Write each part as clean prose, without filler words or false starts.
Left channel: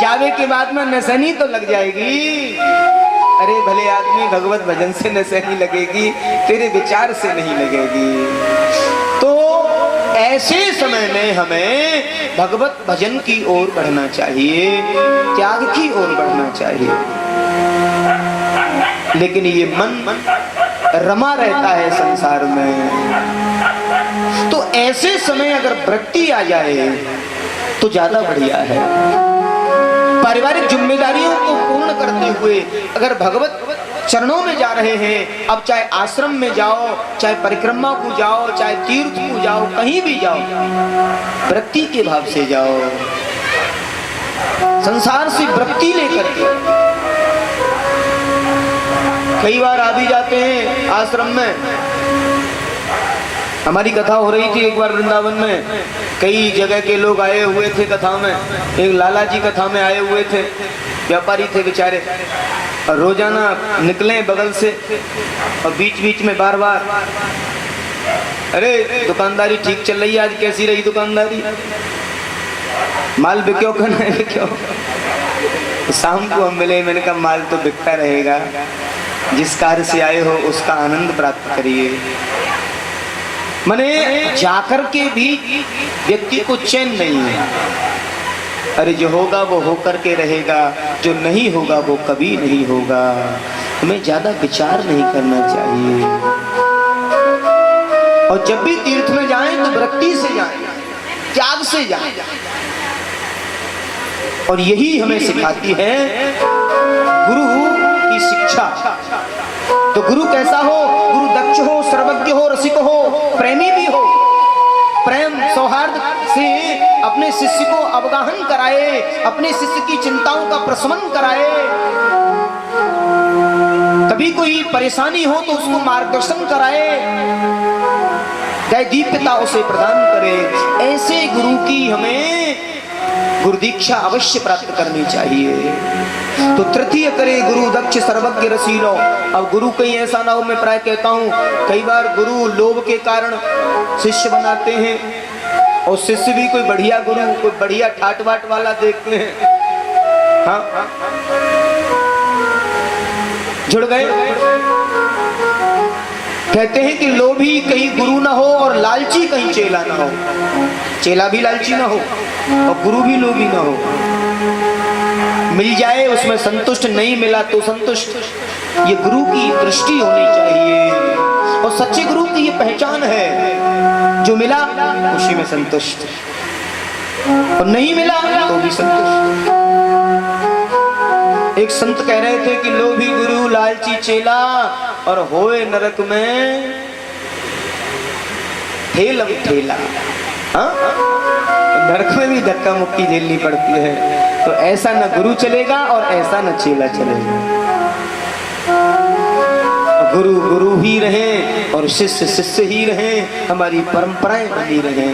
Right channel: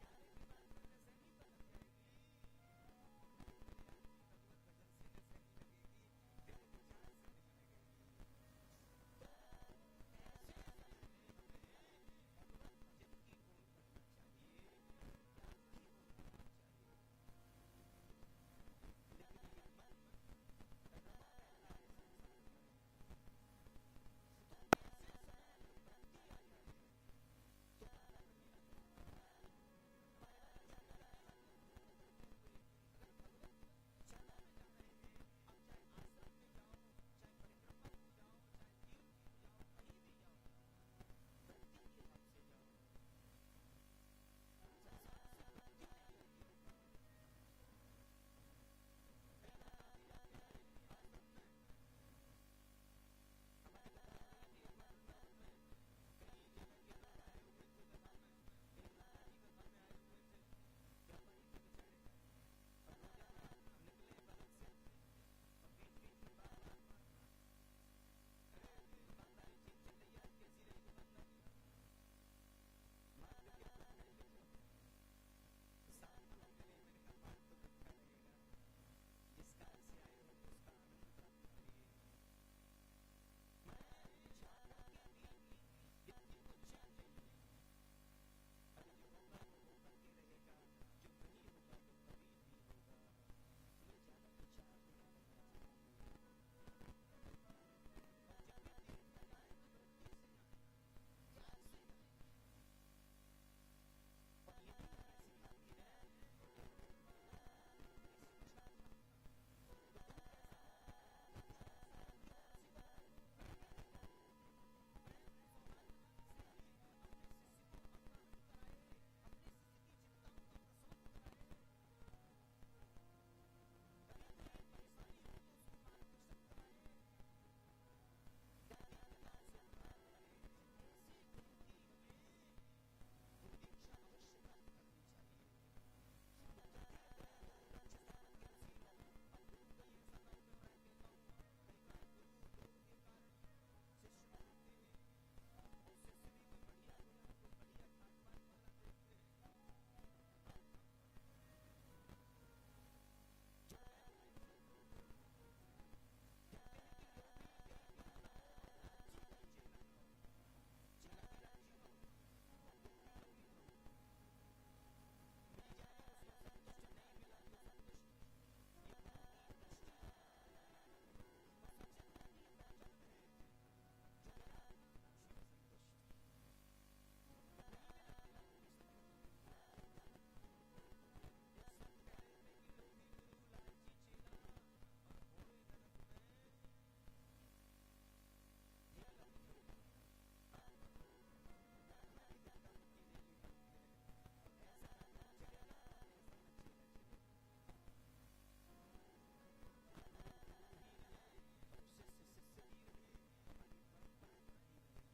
जावे के बाद में नसनी तो लग जाएगी। अरे भले आदमी भगवत भजन से नसनी लगेगी, तेरे विचार से नहीं लगेगी। तो ऐसे समय में हमें भगवत भजन की ओर बढ़ना चाहिए, त्याग की ओर बढ़ना चाहिए। लेकिन ये मन रमा रहता है संसार में। तो ऐसे समय अगर वृत्ति आ जाए तो ज्यादा बढ़िया है। पारिवारिक जिम्मेदारियों को पूर्ण करते हुए अगर भगवत चरणों में जा रहे हैं, अब चाहे आश्रम में जाओ, चाहे परिक्रमा को जाओ, चाहे तीर्थ को जाओ, कहीं भी जाओ, वृत्ति के भाव से जाओ, संसार से वृत्ति लेकर के। कई बार आ भी जाते हैं आश्रम में। हमारी कथा हो रही थी एक बार वृंदावन में, कई जगह के लोग आए हुए थे कथा में। एक लाला जी कथा में आए हुए थे, व्यापारी थे बेचारे, और रोजाना निकले बगल से और बीच बीच में बार बार, अरे दुकानदारी ठीक चल रही है, आज कैसी रही दुकानदारी, माल बिक्यो का नहीं बिक्यो। शाम को हम मिले, मैंने कहा माल तो बिकता रहेगा, जिस कार्य से आए हो उसका आनंद प्राप्त करिए। मने जाकर के भी व्यक्ति को चैन नहीं है। अरे जो होगा वो होकर के रहेगा, जो नहीं होगा वो कभी नहीं होगा। हमें ज्यादा विचार नहीं करना चाहिए। और जब भी तीर्थ में जाएं तो वृत्ति से जाएं, त्याग से जाएं। और यही हमें सिखाती है गुरु की शिक्षा। तो गुरु कैसा हो? गुरु दक्ष हो, सर्वज्ञ हो, रसिक हो, प्रेमी भी हो, प्रेम सौहार्द से अपने शिष्य को अवगाहन कराए, अपने शिष्य की चिंताओं का प्रशमन कराए। कभी कोई परेशानी हो तो उसको मार्गदर्शन कराए, दैदीप्यता उसे प्रदान करे। ऐसे गुरु की हमें गुरु दीक्षा अवश्य प्राप्त करनी चाहिए। तो तृतीय करे गुरु दक्ष सर्वज्ञ रसीलो। अब गुरु कहीं ऐसा ना हो, मैं प्राय कहता हूँ कई बार गुरु लोभ के कारण शिष्य बनाते हैं, और शिष्य भी कोई बढ़िया गुरु, कोई बढ़िया ठाट बाट वाला देखते हैं, हाँ जुड़ गए। कहते हैं कि लोभी कहीं गुरु ना हो और लालची कहीं चेला ना हो। चेला भी लालची ना हो और गुरु भी लोभी ना हो। मिल जाए उसमें संतुष्ट, नहीं मिला तो संतुष्ट। ये गुरु की दृष्टि होनी चाहिए। और सच्चे गुरु की ये पहचान है, जो मिला उसी में संतुष्ट, और नहीं मिला तो भी संतुष्ट। एक संत कह रहे थे कि लोभी गुरु लालची चेला और होए नरक में ठेलम ठेला। नरक में भी धक्का मुक्की झेलनी पड़ती है। तो ऐसा न गुरु चलेगा और ऐसा न चेला चलेगा। गुरु गुरु ही रहे और शिष्य शिष्य ही रहे, हमारी परंपराएं बनी रहे।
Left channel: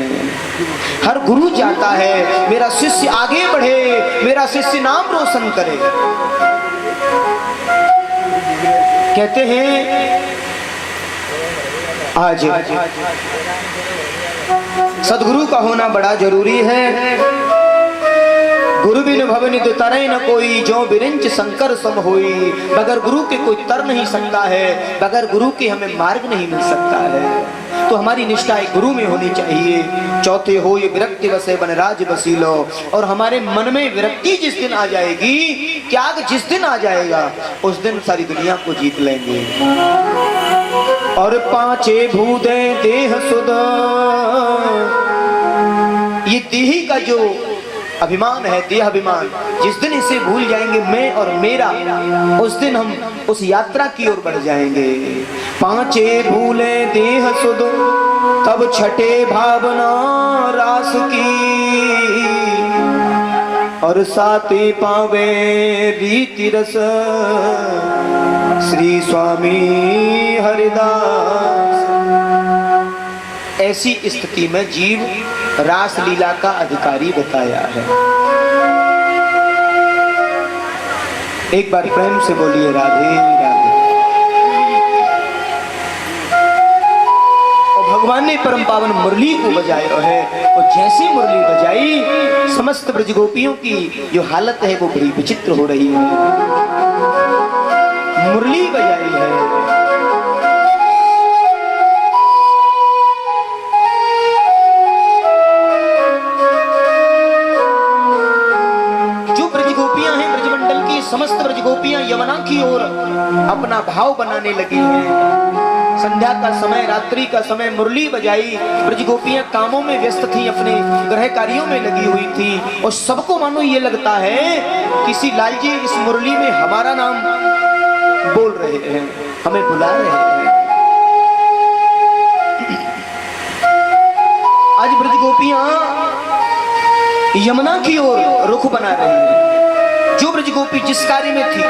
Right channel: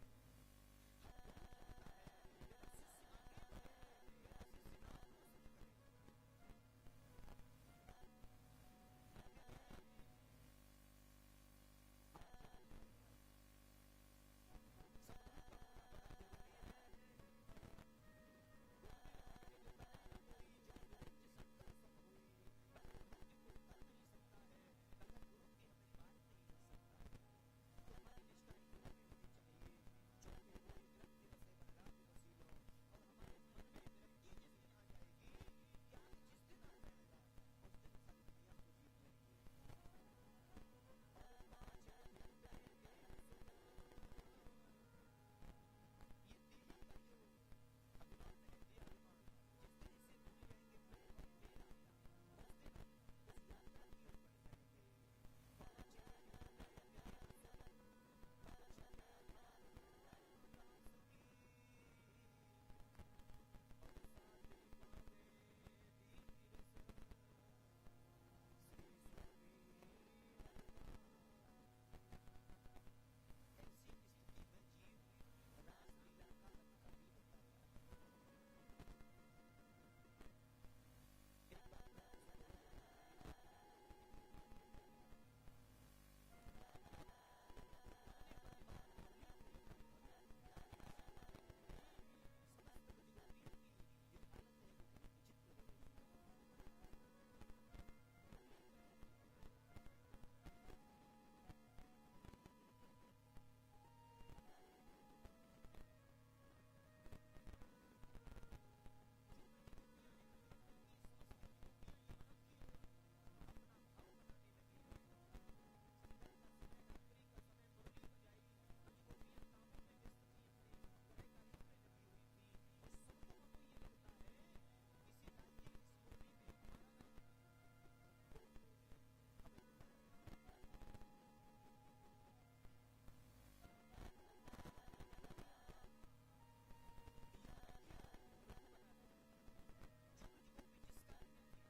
हर गुरु चाहता है मेरा शिष्य आगे बढ़े, मेरा शिष्य नाम रोशन करे। कहते हैं आज सदगुरु का होना बड़ा जरूरी है। गुरु बिन भवनि तरय न कोई, जो बिरंच शंकर सम होई। बगैर गुरु के कोई तर नहीं सकता है, बगैर गुरु के हमें मार्ग नहीं मिल सकता है। तो हमारी निष्ठा एक गुरु में होनी चाहिए। चौथे हो ये विरक्ति वसे बनराज बसीलो। और हमारे मन में विरक्ति जिस दिन आ जाएगी, त्याग जिस दिन आ जाएगा, उस दिन सारी दुनिया को जीत लेंगे। और पांचे भूदे देह सुध, ये देही का जो अभिमान है, देह अभिमान, जिस दिन इसे भूल जाएंगे, मैं और मेरा, उस दिन हम उस यात्रा की ओर बढ़ जाएंगे। पांचे भूले देह सुध, तब छठे भावना रास की। और साते पावे रीति रस, श्री स्वामी हरिदास। ऐसी स्थिति में जीव रास लीला का अधिकारी बताया है। एक बार प्रेम से बोलिए राधे राधे। और भगवान ने परम पावन मुरली को बजाया है। और जैसे मुरली बजाई, समस्त ब्रज गोपियों की जो हालत है वो बड़ी विचित्र हो रही है। मुरली बजाई है, जो ब्रज गोपियां हैं, ब्रजमंडल की समस्त ब्रज गोपियां यमुना की ओर अपना भाव बनाने लगी हैं। संध्या का समय, रात्रि का समय, मुरली बजाई, ब्रज गोपियां कामों में व्यस्त थी, अपने गृह कार्यों में लगी हुई थी। और सबको मानो ये लगता है किसी लालजी इस मुरली में हमारा नाम बोल रहे हैं, हमें बुला रहे हैं। आज ब्रज गोपियां यमुना की ओर रुख बना रही हैं। जो ब्रज गोपी जिस कार्य में थी,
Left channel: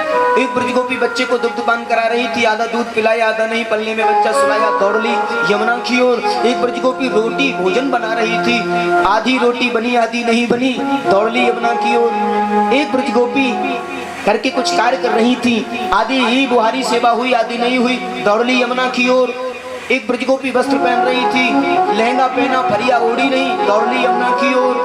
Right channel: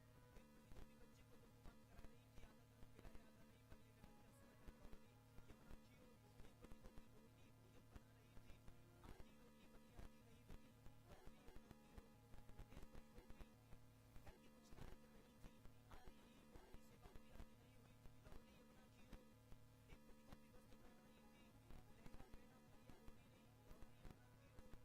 एक ब्रज गोपी बच्चे को दुग्धपान करा रही थी, आधा दूध पिलाया आधा नहीं, पल्ले में बच्चा सुलाया, दौड़ ली यमुना की ओर। एक ब्रज गोपी रोटी भोजन बना रही थी, आधी रोटी बनी आधी नहीं बनी, दौड़ ली यमुना की ओर। एक ब्रज गोपी करके कुछ कार्य कर रही थी, आधी ही बुहारी सेवा हुई आधी नहीं हुई, दौड़ ली यमुना की ओर। एक ब्रज गोपी वस्त्र पहन रही थी, लहंगा पहना, फरिया ओढ़ी नहीं, दौड़ ली यमुना की ओर।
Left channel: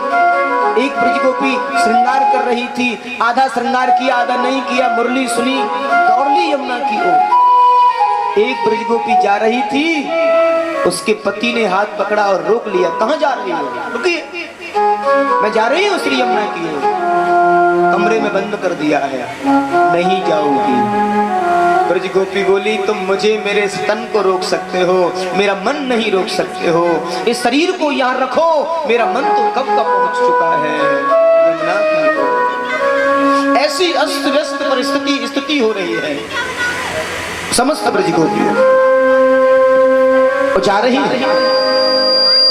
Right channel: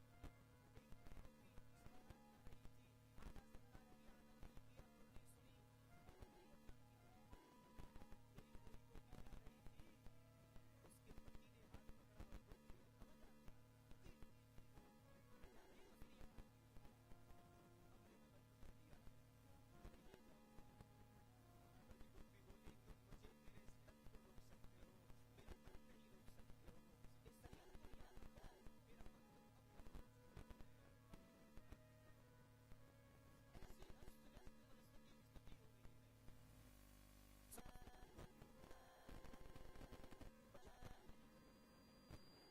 एक ब्रज गोपी श्रृंगार कर रही थी, आधा श्रृंगार किया आधा नहीं किया, मुरली सुनी, दौड़ ली यमुना की ओर। एक ब्रज गोपी जा रही थी, उसके पति ने हाथ पकड़ा और रोक लिया। कहां जा रही हो? रुकिए, मैं जा रही हूं श्री यमुना की ओर। कमरे में बंद कर दिया है, नहीं जाऊंगी। ब्रज गोपी बोली, तुम मुझे मेरे स्तन को रोक सकते हो, मेरा मन नहीं रोक सकते हो। इस शरीर को यहाँ रखो, मेरा मन तो कब का पहुंच चुका है यमुना की ओर। ऐसी अस्त व्यस्त परिस्थिति स्थिति हो रही है समस्त ब्रज गोपियों, जा रही है।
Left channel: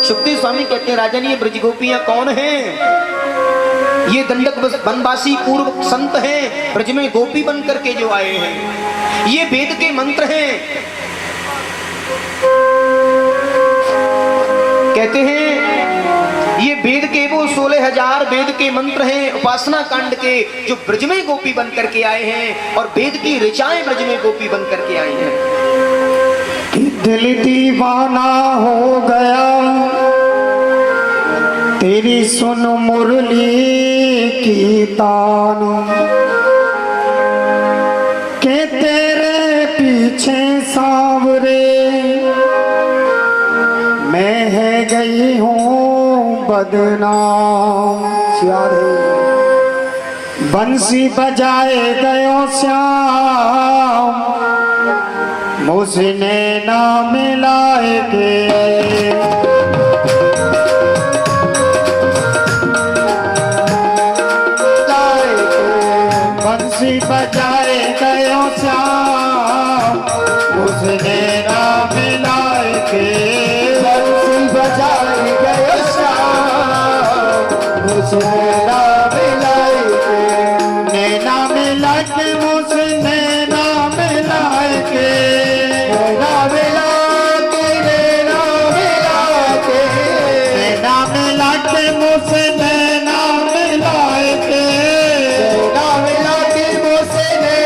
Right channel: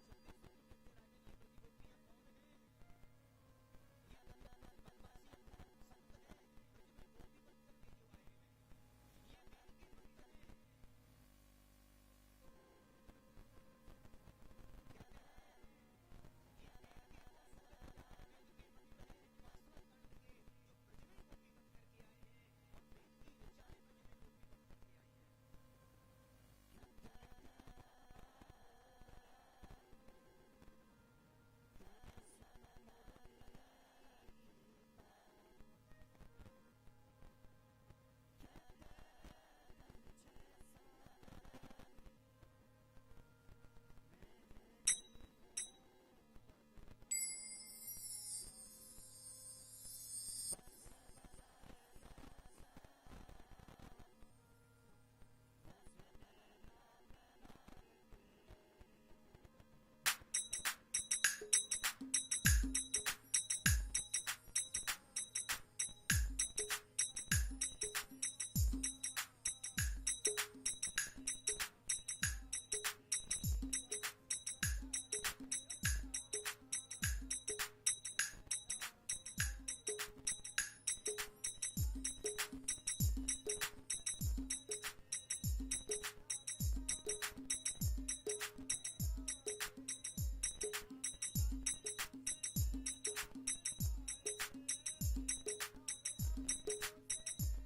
सुखदेव स्वामी कहते हैं, राजन ये ब्रज गोपियां कौन हैं? ये दंडक वनवासी पूर्व संत हैं, ब्रज में गोपी बन करके जो आए हैं। ये वेद के मंत्र हैं। कहते हैं ये वेद के वो 16,000 वेद के मंत्र हैं उपासना कांड के, जो ब्रज में गोपी बन करके आए हैं। और वेद की ऋचाएं ब्रज में गोपी बन करके आई हैं। दिल दीवाना हो गया तेरी सुन मुरली की तान, के तेरे पीछे सांवरे मैं है गई हूँ बदनाम। बंसी बजाए गयो श्याम, मुझने ना मिलाए के। बंसी बजाए गयो श्याम, मुझने ना मिलाए के। बंसी बजाए गयो श्याम, मुझने ना मिलाए के। नैना मिला के मुझने ना मिलाए के। नैना मिला के, नैना मिला के, नैना मिला के मुझने ना मिलाए के। नैना मिला के मुझने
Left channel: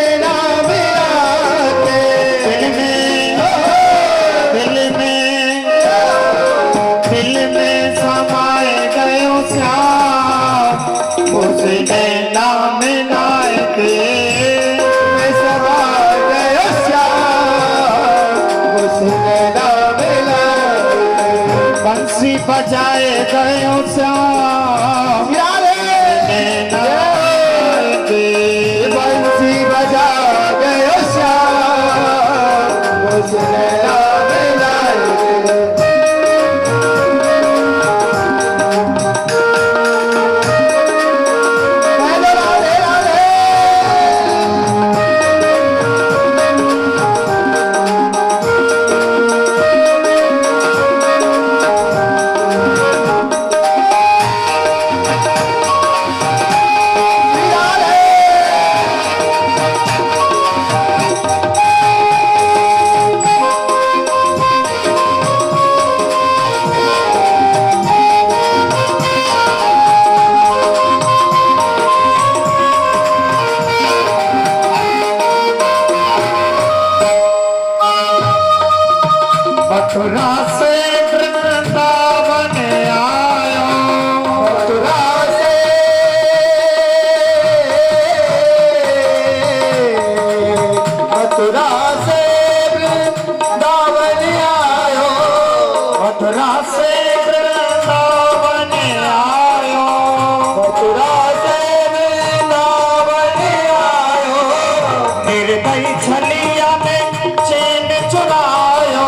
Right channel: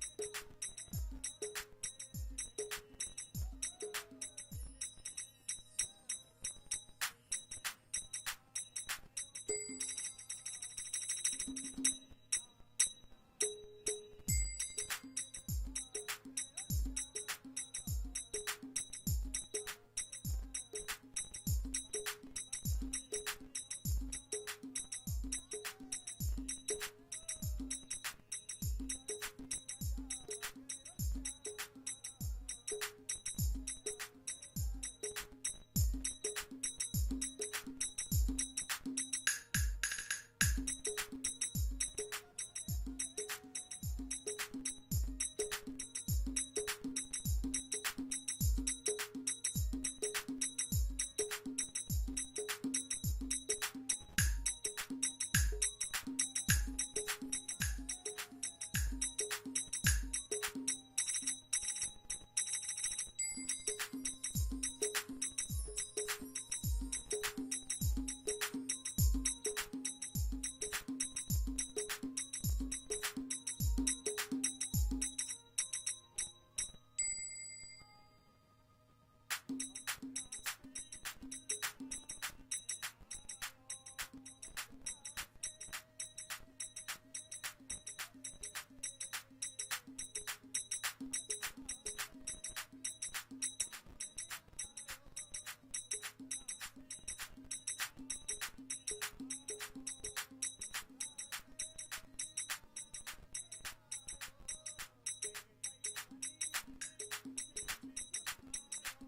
निर्दयी छलिया में चैन चुरायो,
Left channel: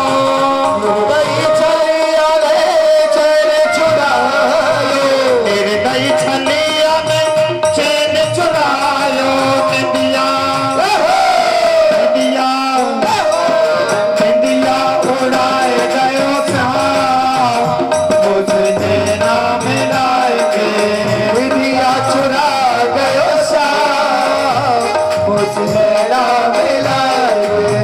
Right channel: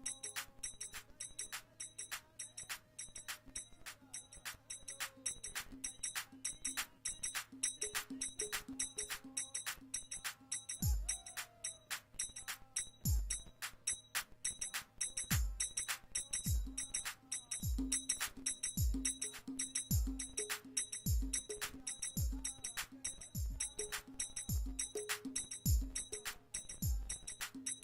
निर्दयी छलिया में चैन चुरायो, निर्दयी छलिया में चैन चुरायो। निंदिया निंदिया निंदिया उड़ाए गयो श्याम, मुझने ना मिलाए के, निंदिया चुरा गयो श्याम, मुझने ना मिलाए के।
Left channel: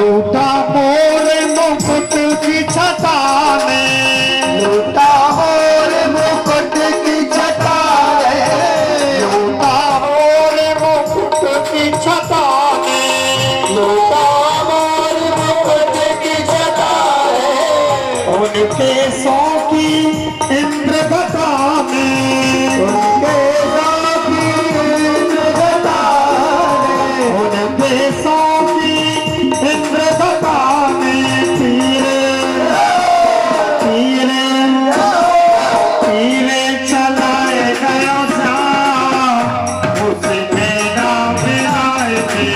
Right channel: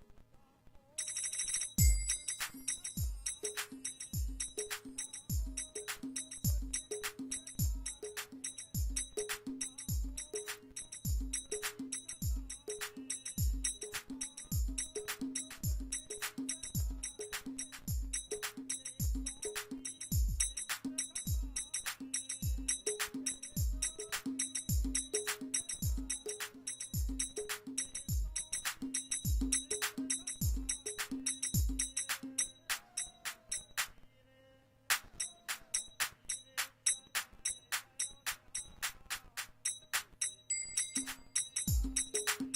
लूटा मोर मुकुट की छटा ने, लूटा मोर मुकुट की छटा ने, लूटा मोर मुकुट की छटा ने, लूटा मोर मुकुट की छटा ने। उनके सौ की इंद्रगता में, उनके सौ की इंद्रगता ने, उनके सौ की इंद्रगता में तीरे तीरे चलाए गयो श्याम, उसने ना मिलाए के,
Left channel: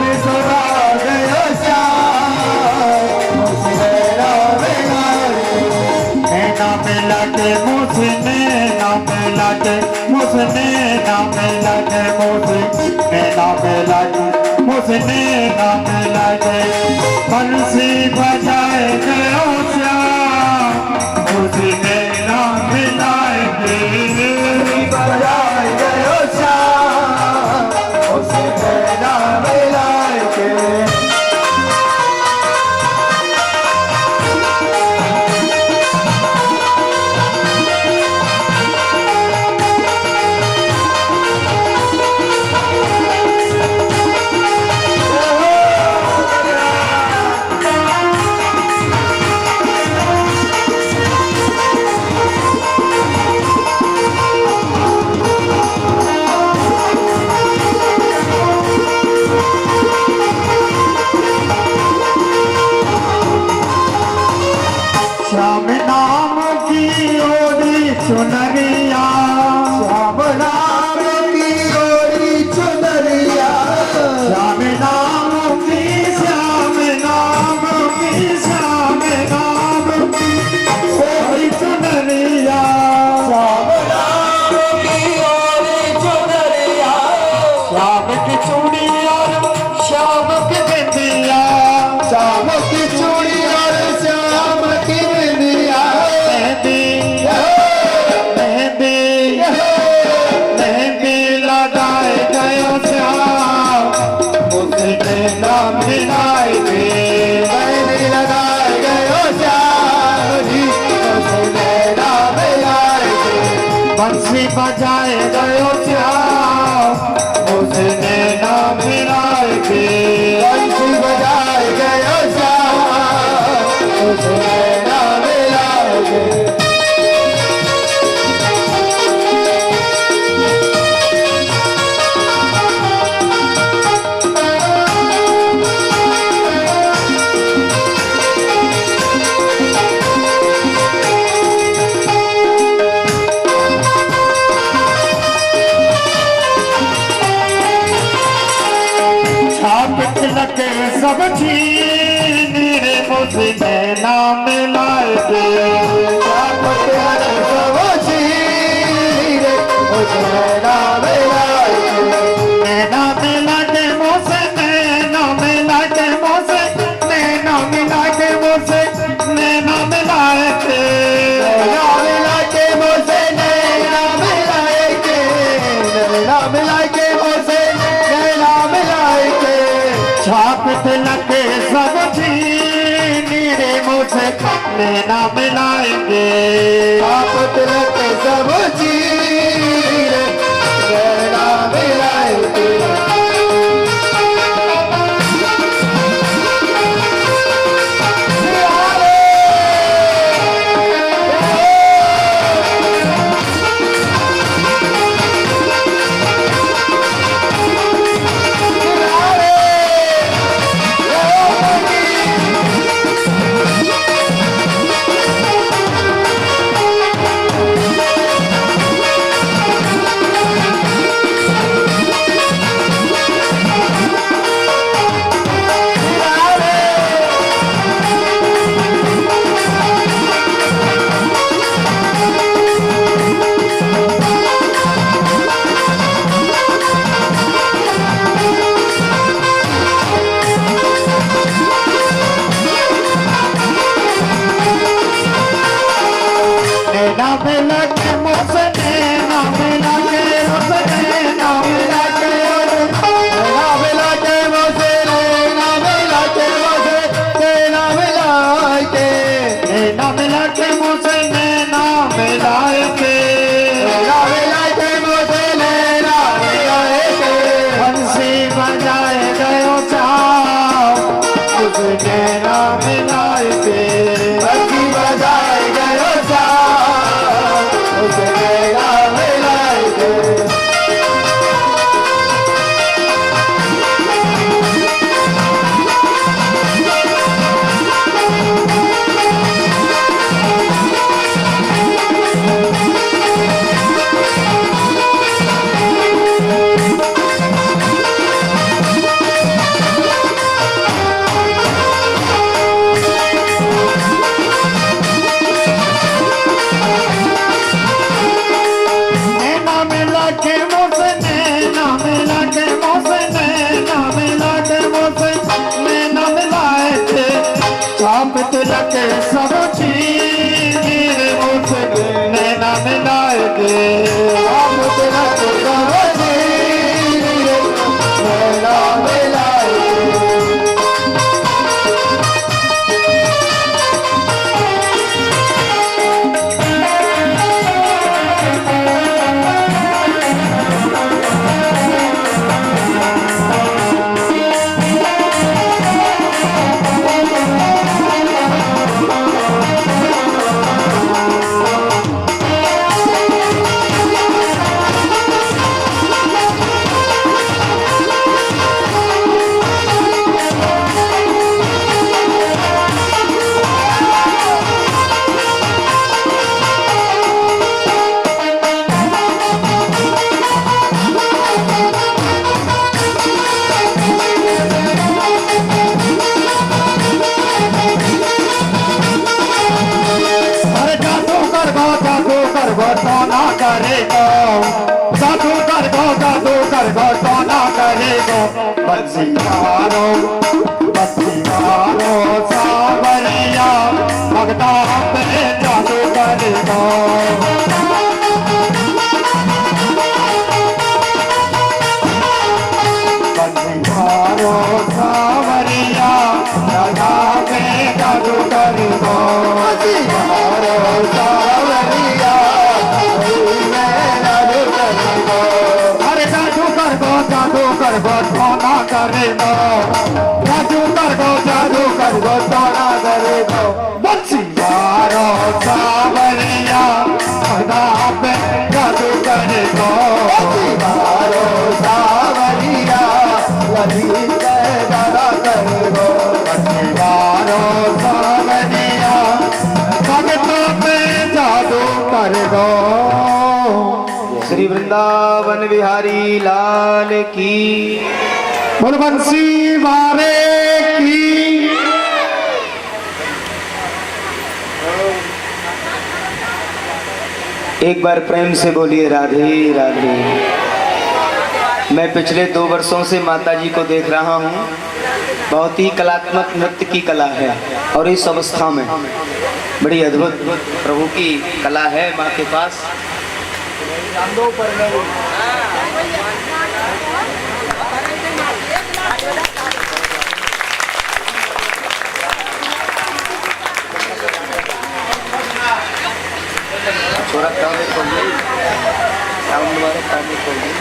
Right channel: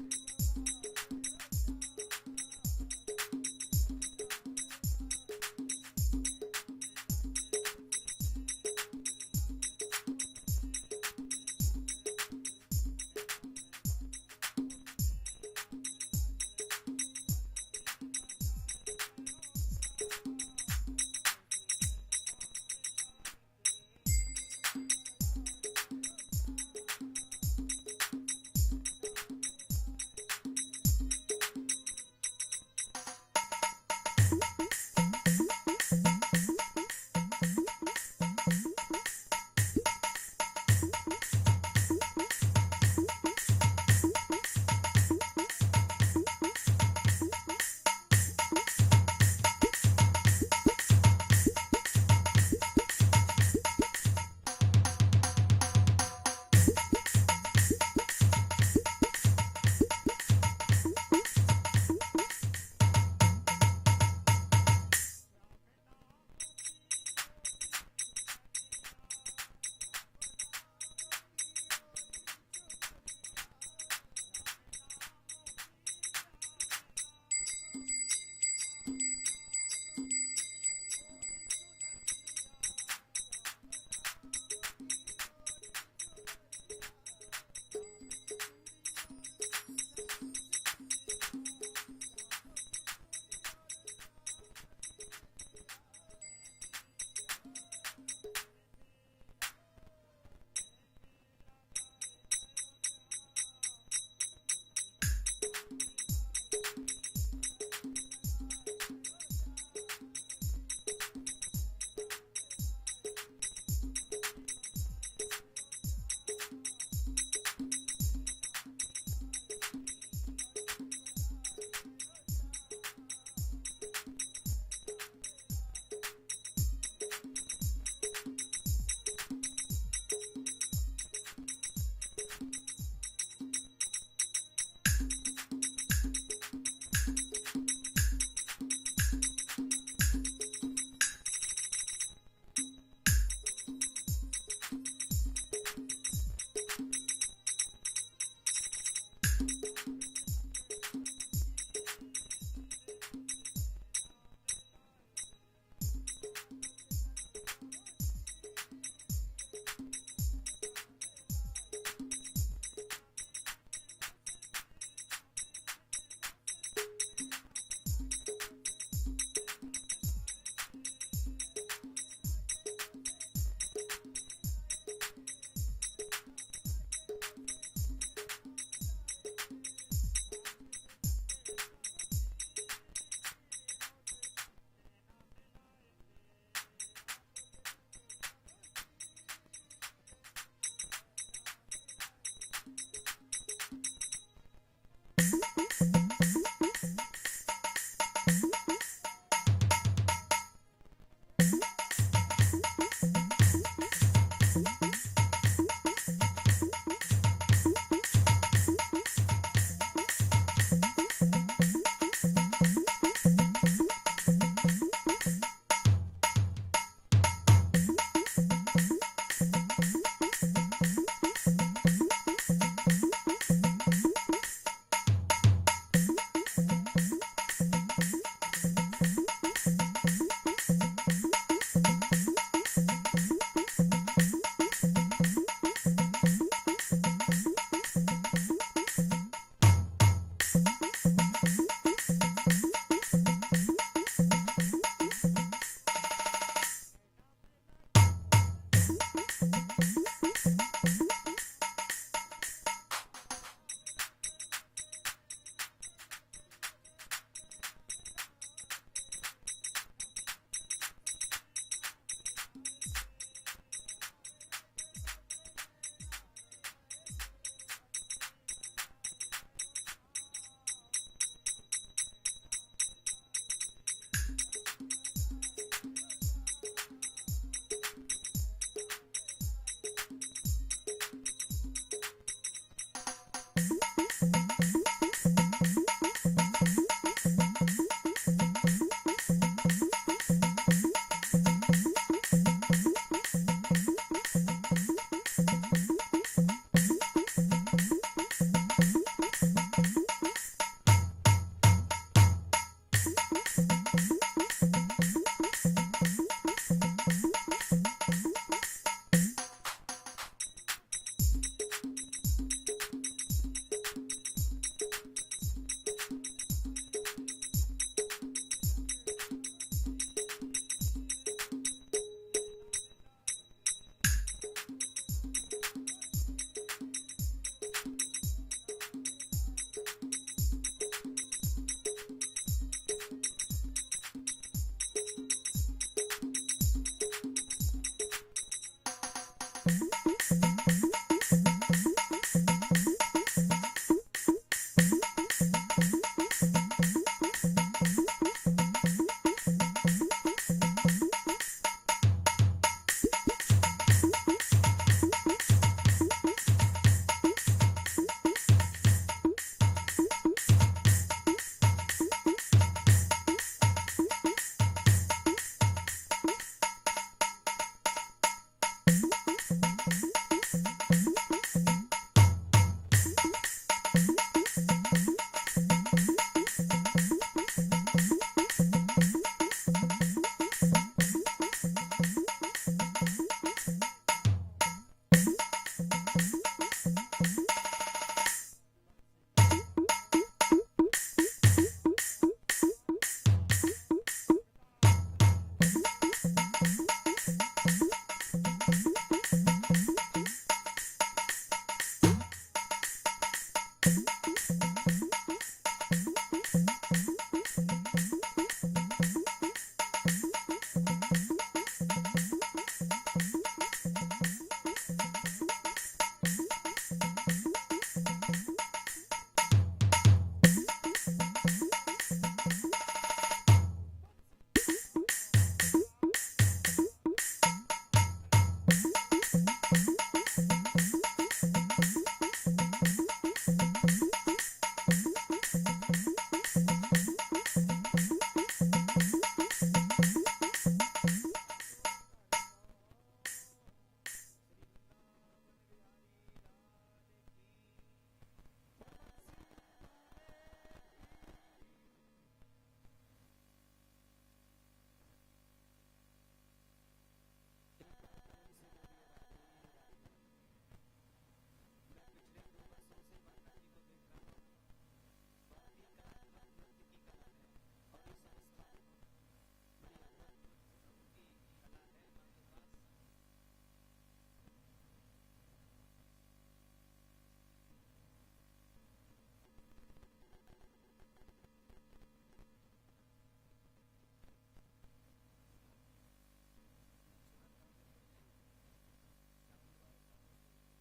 बिसरा गयो श्याम, उसने ना मिलाए के, ना मिला के मुझने ना मिला के, मुझने ना मिला के, मुझने ना मिला के, मुझने ना मिला के। बंसी बजाए गयो श्याम, मुझने ना मिलाए के, बजाए गयो श्याम, मुझने ना मिलाए के। श्याम नाम की ओरी चुनरिया, श्याम नाम की ओरी चुनरिया, श्याम नाम की, श्याम नाम की, श्याम नाम की ओरी चुनरिया, श्याम नाम की ओरी चुनरिया, श्याम की चूड़ी और श्याम की बिंदिया, श्याम की चूड़ी और श्याम की बिंदिया। मेहंदी मेहंदी मेहंदी लगाए गयो श्याम, मुझने ना मिलाए के, मेहंदी लगाए गयो श्याम जी, मुझने ना मिलाए के। बंसी बजाए गयो श्याम, मुझने ना मिलाए के, बंसी बजाए गयो श्याम, मुझने ना मिलाए के। छाप तिलक सब छीन रे, मुझने ना मिलाए के, छाप तिलक सब छीन रे, मुझने ना मिलाए के। नैना मिला के मुझसे, नैना मिला के मुझसे, नैना मिला के मुझसे, नैना मिलाए के, नैना मिला के मुझसे, नैना मिलाए के, नैना मिला के मुझसे, नैना मिलाए के। छाप तिलक सब छीन रे, मुझसे नैना मिलाएंगे, छाप तिलक सब छीन रे, नैना मिलाएंगे। के सब छीन रे मुझसे नैना मिलाएंगे आप तिलक सब छीन रे नैना मिलाएंगे तो ना करेगा जादू कर गो तो ना करेगा बंसीवारो सावरिया भगता पे जादू करेगा बंसीवारो सावरिया भगता पे जादू करेगा बंसीवारो सावरिया सोना करेगा जादू कर गो सोना करेगा बंसीवारो सावरिया भगता पे जादू करेगा बंसीवारो सावरिया ललित दादा करेगा बंसीवारो सावरिया भगता पे जादू करेगा। श्री वृंदावन बिहारी लाल की बोल बंसी वाले की। एक बार प्रेम से बोलिए राधे राधे। मैं पिछले 2 वर्षों से माता जी को देख रहा हूँ। बहुत ही कलात्मक नृत्य की कला है और इस अवस्था में बड़ी अद्भुत प्रभु की कला है माँ के पास। छोरा कामे खोलिए, साउंड वाले कामे खोलिए।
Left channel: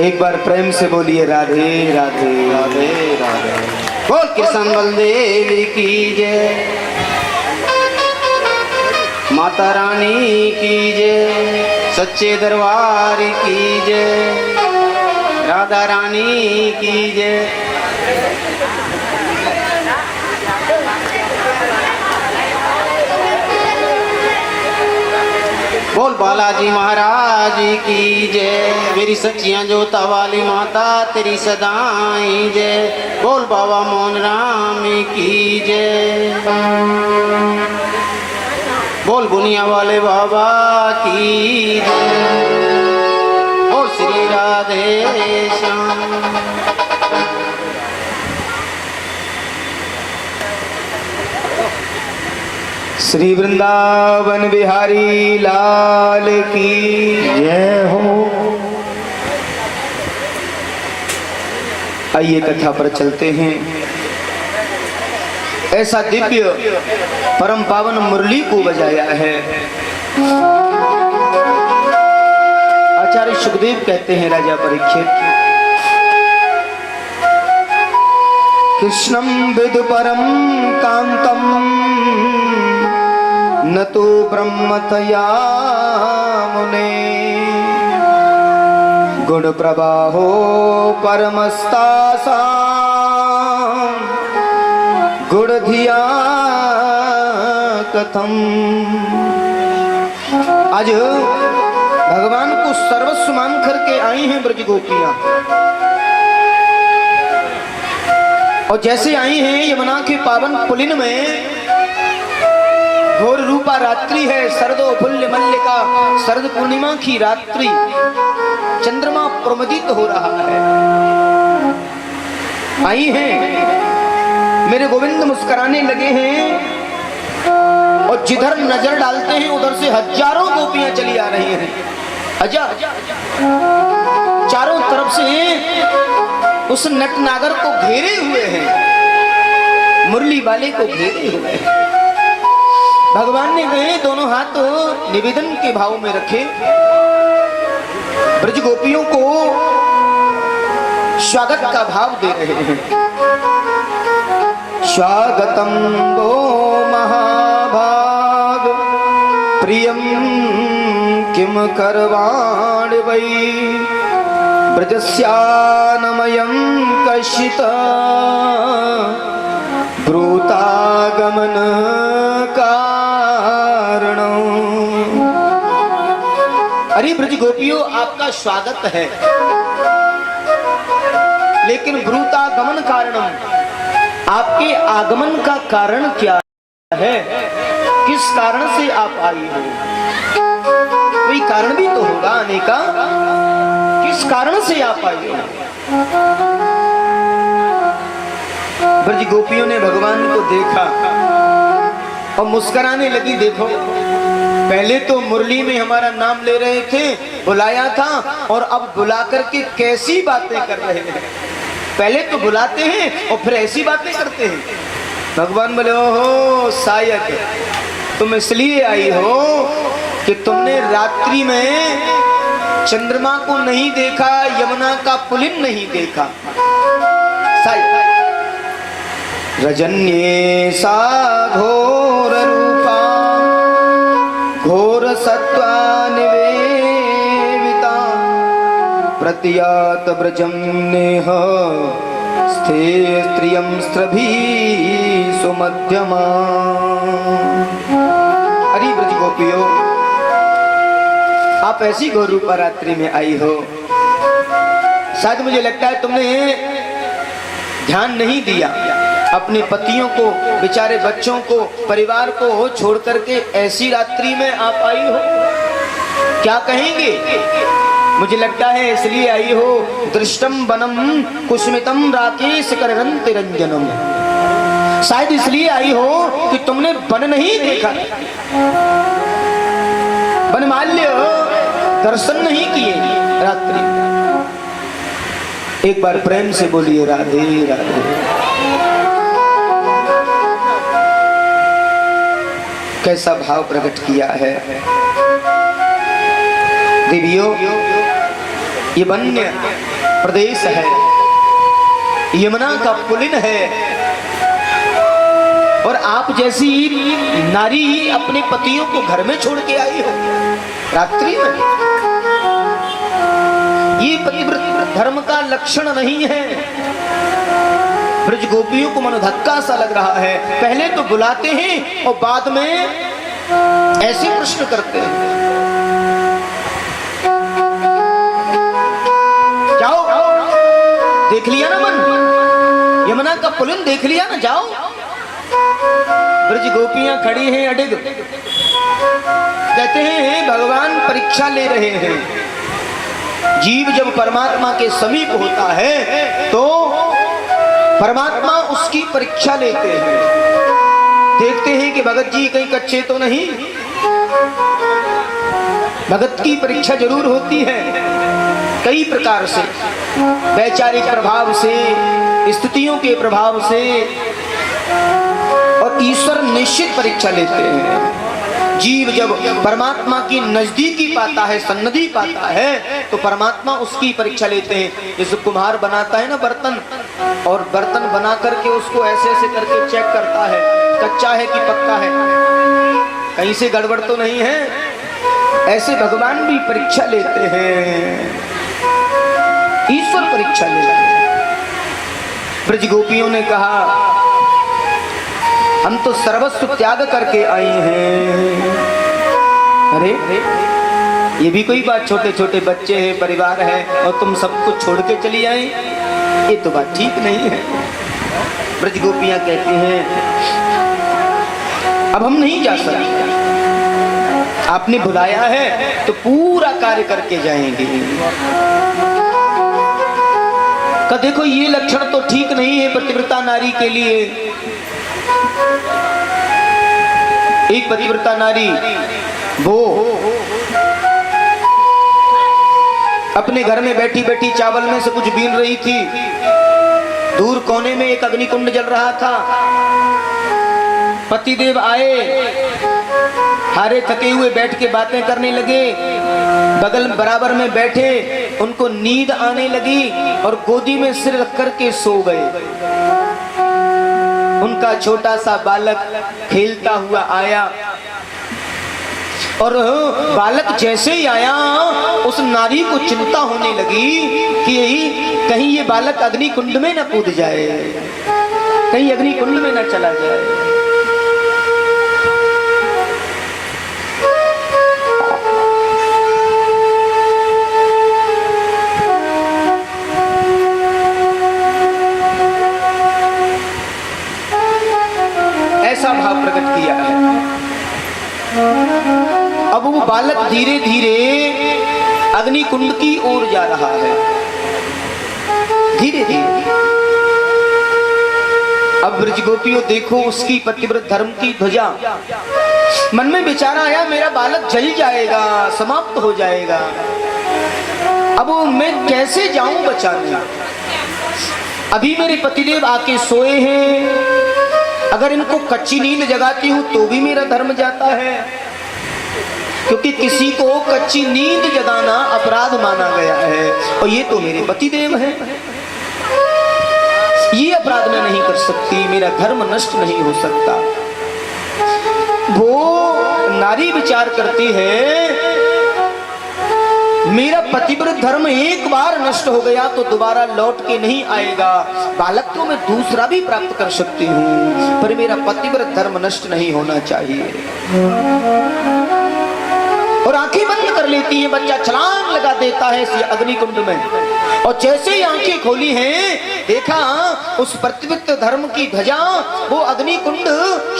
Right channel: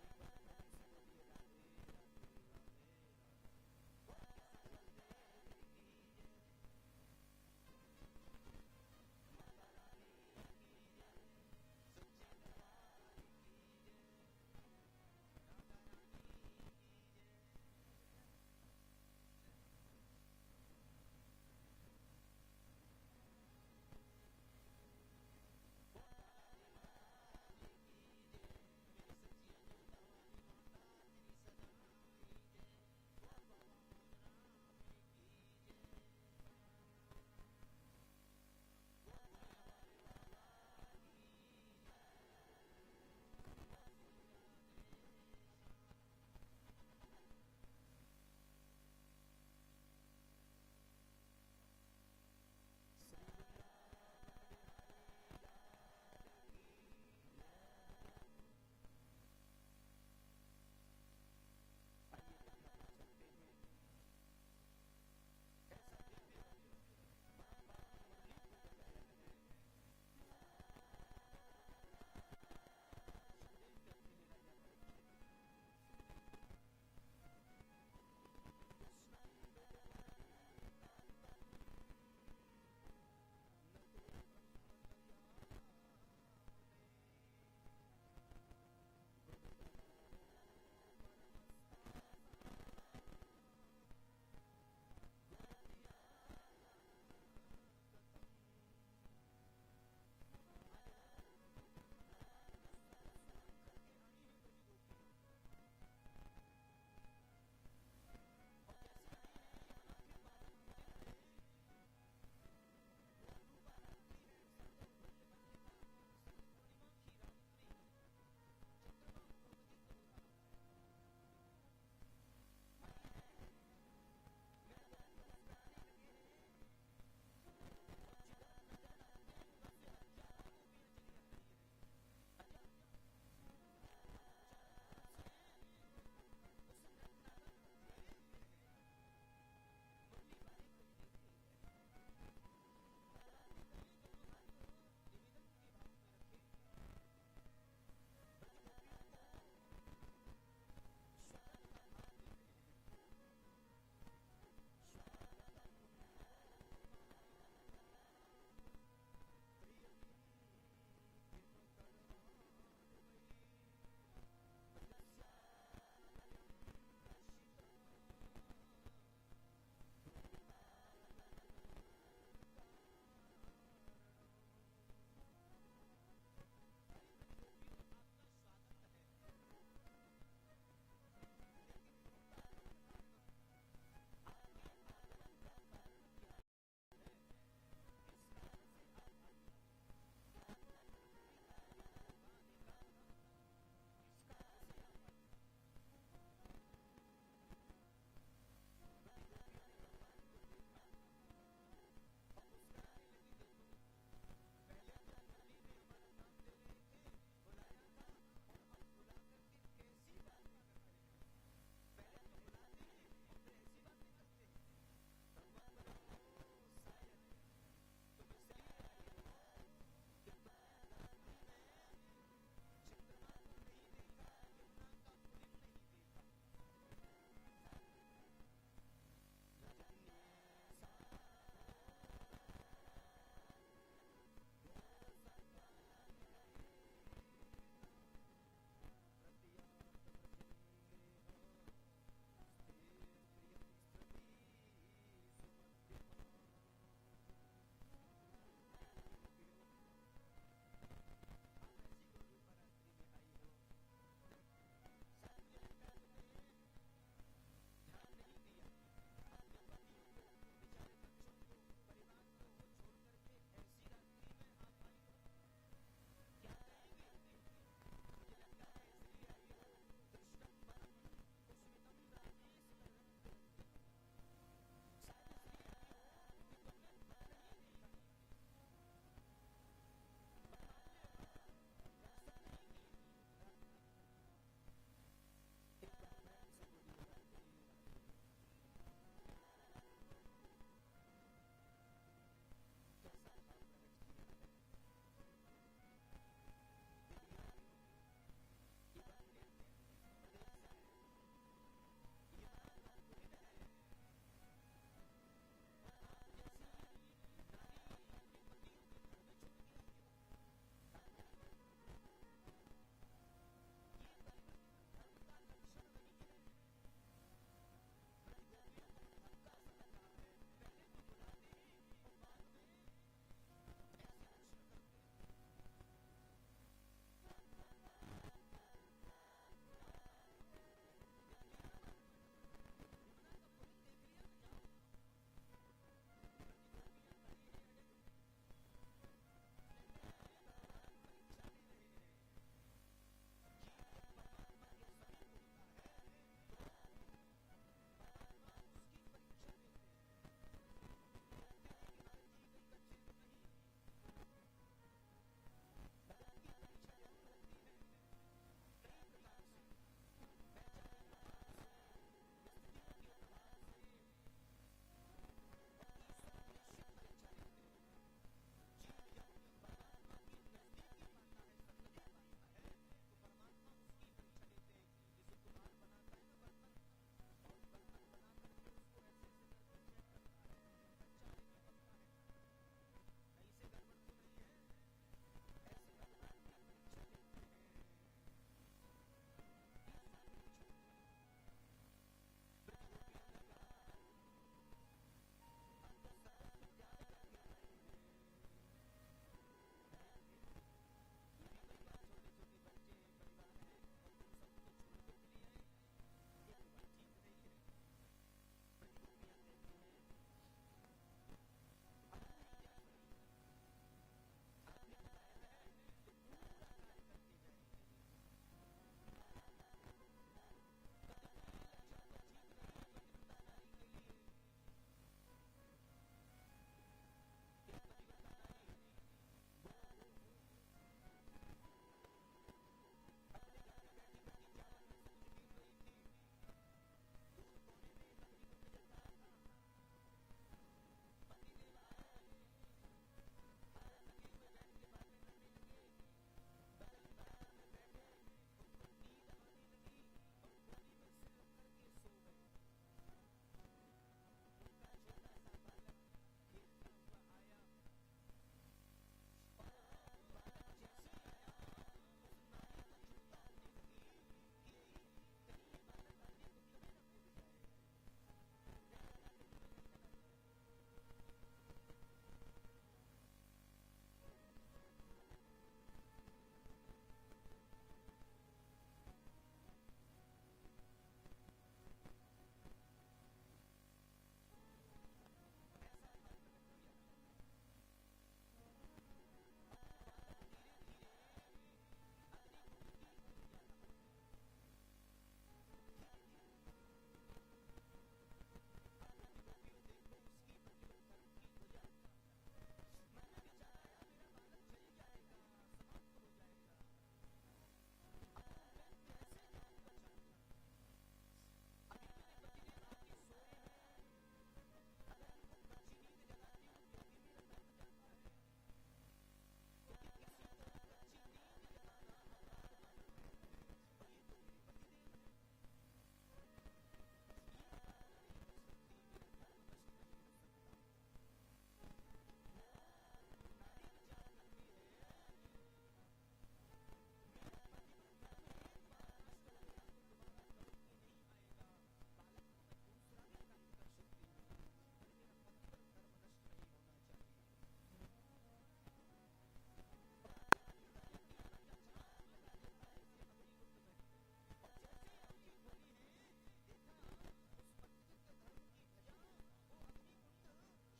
एक बार प्रेम से बोलिए राधे राधे राधे राधे। बोल कृष्ण बलदेव की जय, माता रानी की जय, सच्चे दरबार की जय, राधा रानी की जय। बोल बालाजी महाराज की जय, मेरी सच्चियां जोता वाली माता तेरी सदाई जय। बोल बाबा मोहन राम की जय, बोल बुनिया वाले बाबा की जय, बोल श्री राधे श्याम। श्री वृंदावन बिहारी लाल की जय हो। आइए कथा पर चलते हैं। ऐसा दिव्य परम पावन मुरली को बजाया है। आचार्य सुखदेव कहते हैं राजा परीक्षित, कृष्णं विदु परम कांतम न तो ब्रह्मतया मुने, गुण प्रवाहो परमस्तासा गुण धिया कथम। आज भगवान को सर्वस्व मान करके आई हैं ब्रज गोपियां, और जैसे आई हैं यमुना के पावन पुलिन में, घोर रूपा रात्रि है, शरदो फुल्ल मल्लिका, शरद पूर्णिमा की रात्रि, चंद्रमा प्रमदित हो रहा है। आई हैं, मेरे गोविंद मुस्कुराने लगे हैं, और जिधर नजर डालते हैं उधर से हजारों गोपियां चली आ रही हैं। हजार चारों तरफ से उस नटनागर को घेरे हुए हैं, मुरली वाले को घेरे हुए हैं। भगवान ने कहे दोनों हाथ निवेदन के भाव में रखे, ब्रज गोपियों को स्वागत का भाव दे रहे हैं। स्वागतम वो महाभाग प्रियम किम करवाण वै ब्रजस्यानमयं कशित ब्रूतागमन कारणं। अरे ब्रज गोपियों, आपका स्वागत है, लेकिन ब्रूतागमन कारणम, आपके आगमन का कारण क्या है? किस कारण से आप आई हो? कोई कारण भी तो होगा आने का, किस कारण से आप आई हो? ब्रज गोपियों ने भगवान को देखा और मुस्कुराने लगी। देखो, पहले तो मुरली में हमारा नाम ले रहे थे, बुलाया था, और अब बुला करके कैसी बातें कर रहे हैं। पहले तो बुलाते हैं और फिर ऐसी बातें करते हैं। भगवान बोले, ओहो शायद तुम इसलिए आई हो कि तुमने रात्रि में चंद्रमा को नहीं देखा, यमुना का पुलिन नहीं देखा। शायद रजन्ये सा घोर रूपा घोर सत्वा निवेदिता प्रत्यात ब्रजम नेह स्थे स्त्रियं स्त्रभी सुमध्यमा। अरे ब्रज गोपियों, आप ऐसी घोर रूपा रात्रि में आई हो। शायद मुझे लगता है तुमने ध्यान नहीं दिया, अपने पतियों को, बेचारे बच्चों को, परिवार को छोड़ करके ऐसी रात्रि में आप आई हो। क्या कहेंगे? मुझे लगता है इसलिए आई हो। दृष्टम वनम कुसुमितम राकेश करंति रंजनम। शायद इसलिए आई हो कि तुमने वन नहीं देखा, वनमाल्य दर्शन नहीं किए रात्रि। एक बार प्रेम से बोलिए राधे राधे। कैसा भाव प्रकट किया है देवियों। ये वन्य प्रदेश है, यमुना का पुलिन है, और आप जैसी नारी अपने पतियों को घर में छोड़ के आई हो रात्रि में। ये पतिव्रत धर्म का लक्षण नहीं है। ब्रज गोपियों को मनोधक्का सा लग रहा है। पहले तो बुलाते हैं और बाद में ऐसे प्रश्न करते हैं। जाओ, देख लिया ना मन, यमुना का पुलिन देख लिया ना, जाओ। ब्रज गोपियां खड़ी हैं अडिग, कहते हैं भगवान परीक्षा ले रहे हैं। जीव जब परमात्मा के समीप होता है तो परमात्मा उसकी परीक्षा लेते हैं, देखते हैं कि भगत जी कहीं कच्चे तो नहीं। भगत की परीक्षा जरूर होती है कई प्रकार से, वैचारिक प्रभाव से, स्थितियों के प्रभाव से, और ईश्वर निश्चित परीक्षा लेते हैं। जीव जब परमात्मा की नजदीकी पाता है, सन्निधि पाता है, तो परमात्मा उसकी परीक्षा लेते हैं। जैसे कुम्हार बनाता है ना बर्तन, और बर्तन बना करके उसको ऐसे ऐसे करके चेक करता है, कच्चा है कि पक्का है, कहीं से गड़बड़ तो नहीं है। ऐसे भगवान भी परीक्षा लेते हैं। ईश्वर परीक्षा ले रहे। ब्रज गोपियों ने कहा हम तो सर्वस्व त्याग करके आए हैं। अरे ये भी कोई बात, छोटे छोटे बच्चे हैं, परिवार है और तुम सब कुछ छोड़ के चली आए, ये तो बात ठीक नहीं है। ब्रज गोपियां कहती हैं अब हम नहीं जा सकते, आपने बुलाया है तो पूरा कार्य करके जाएंगे। का देखो ये लक्षण तो ठीक नहीं है पतिव्रता नारी के लिए। एक पतिव्रता नारी वो अपने घर में बैठी बैठी चावल में से कुछ बीन रही थी। दूर कोने में एक अग्निकुंड जल रहा था। पतिदेव आए, हारे थके हुए बैठ के बातें करने लगे। बगल बराबर में बैठे, उनको नींद आने लगी और गोदी में सिर रख करके सो गए। उनका छोटा सा बालक खेलता हुआ आया और बालक जैसे ही आया उस नारी को चिंता होने लगी कि कहीं ये बालक अग्नि कुंड में न कूद जाए, कहीं अग्नि कुंड में न चला जाए। ऐसा भाव प्रकट किया है। अब वो बालक धीरे धीरे अग्नि कुंड की ओर जा रहा है, धीरे धीरे। अब ब्रज गोपियों देखो उसकी पतिव्रत धर्म की ध्वजा। मन में विचार आया मेरा बालक जल जाएगा, समाप्त हो जाएगा। अब मैं कैसे जाऊं बचाने? अभी मेरे पतिदेव आके सोए हैं, अगर इनको कच्ची नींद जगाती हूं तो भी मेरा धर्म जाता है, क्योंकि किसी को कच्ची नींद जगाना अपराध माना गया है और ये तो मेरे पतिदेव हैं। ये अपराध मैं नहीं कर सकती, मेरा धर्म नष्ट नहीं हो सकता। वो नारी विचार करती है मेरा पतिव्रत धर्म एक बार नष्ट हो गया तो दोबारा लौट के नहीं आएगा। बालक तो मैं दूसरा भी प्राप्त कर सकती हूँ, पर मेरा पतिव्रत धर्म नष्ट नहीं होना चाहिए। और आंखें बंद कर लेती है, बच्चा छलांग लगा देता है इस अग्निकुंड में। और जैसे ही आंखें खोली हैं, देखा उस पतिव्रत धर्म की ध्वजा, वो अग्निकुंड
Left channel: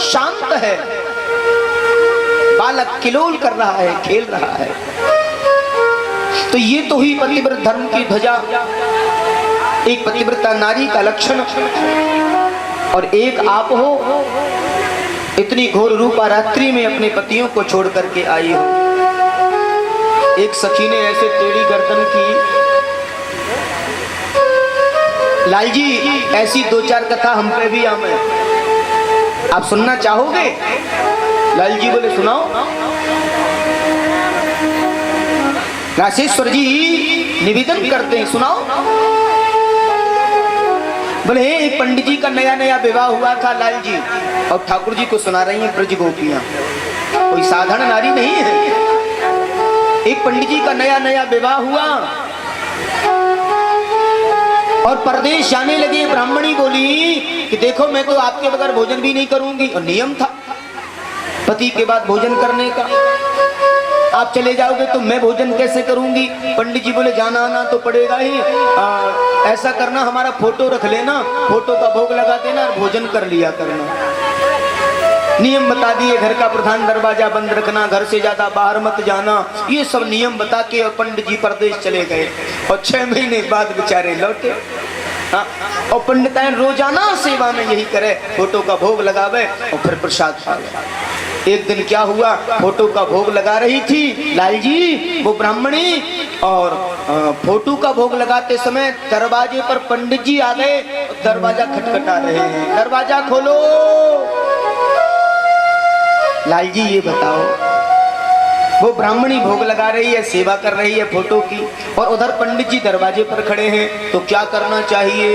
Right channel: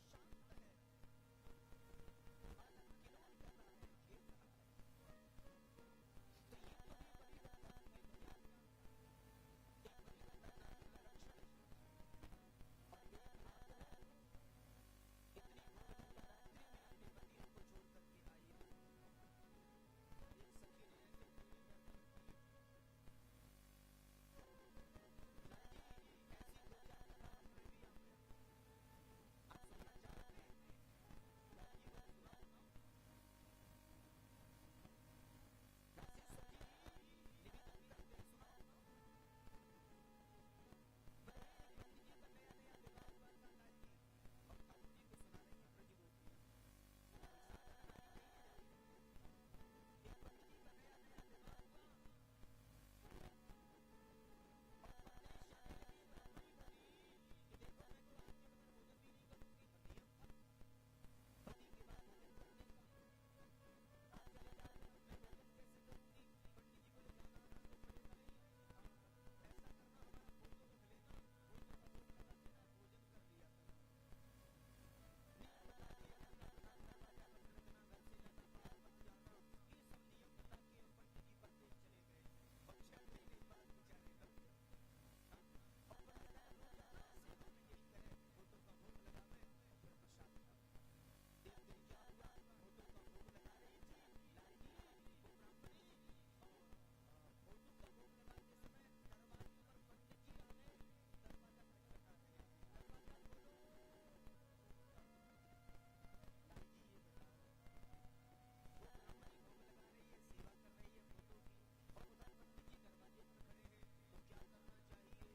शांत है। बालक किलोल कर रहा है, खेल रहा है। तो ये तो ही पतिव्रत धर्म की ध्वजा, एक पतिव्रता नारी का लक्षण। और एक आप हो, इतनी घोर रूपा रात्रि में अपने पतियों को छोड़ करके आई हो। एक सखी ने ऐसे टेढ़ी गर्दन की। लाल जी ऐसी दो चार कथा हम पे भी आम है, आप सुनना चाहोगे? लाल जी बोले सुनाओ। राशेश्वर जी निवेदन करते हैं, सुनाओ। बोले एक पंडित जी का नया नया विवाह हुआ था लाल जी, और ठाकुर जी को सुना रही हैं ब्रज गोपियां। कोई साधारण नारी नहीं है। एक पंडित जी का नया नया विवाह हुआ और परदेश जाने लगे। ब्राह्मणी बोली कि देखो मैं तो आपके बगैर भोजन भी नहीं करूंगी, और नियम था पति के बाद भोजन करने का। आप चले जाओगे तो मैं भोजन कैसे करूंगी? पंडित जी बोले जाना आना तो पड़ेगा ही। ऐसा करना, हमारा फोटो रख लेना, फोटो का भोग लगा देना और भोजन कर लिया करना। नियम बता दिए, घर का प्रधान दरवाजा बंद रखना, घर से ज्यादा बाहर मत जाना, ये सब नियम बता के और पंडित जी परदेश चले गए। और 6 महीने बाद बेचारे लौटे। हाँ, और पंडिताइन रोजाना सेवा में यही करे, फोटो का भोग लगावे और फिर प्रसाद खावे। एक दिन क्या हुआ, फोटो का भोग लगा रही थी लाल जी वो ब्राह्मणी, और फोटो का भोग लगाते समय दरवाजे पर पंडित जी आ गए। दरवाजा खटखटा रहे हैं, दरवाजा खोलो। लाल जी ये बताओ, वो ब्राह्मणी भोग लगा रही है, सेवा कर रही है फोटो की, और उधर पंडित जी दरवाजे पर खड़े हैं, तो क्या करना चाहिए?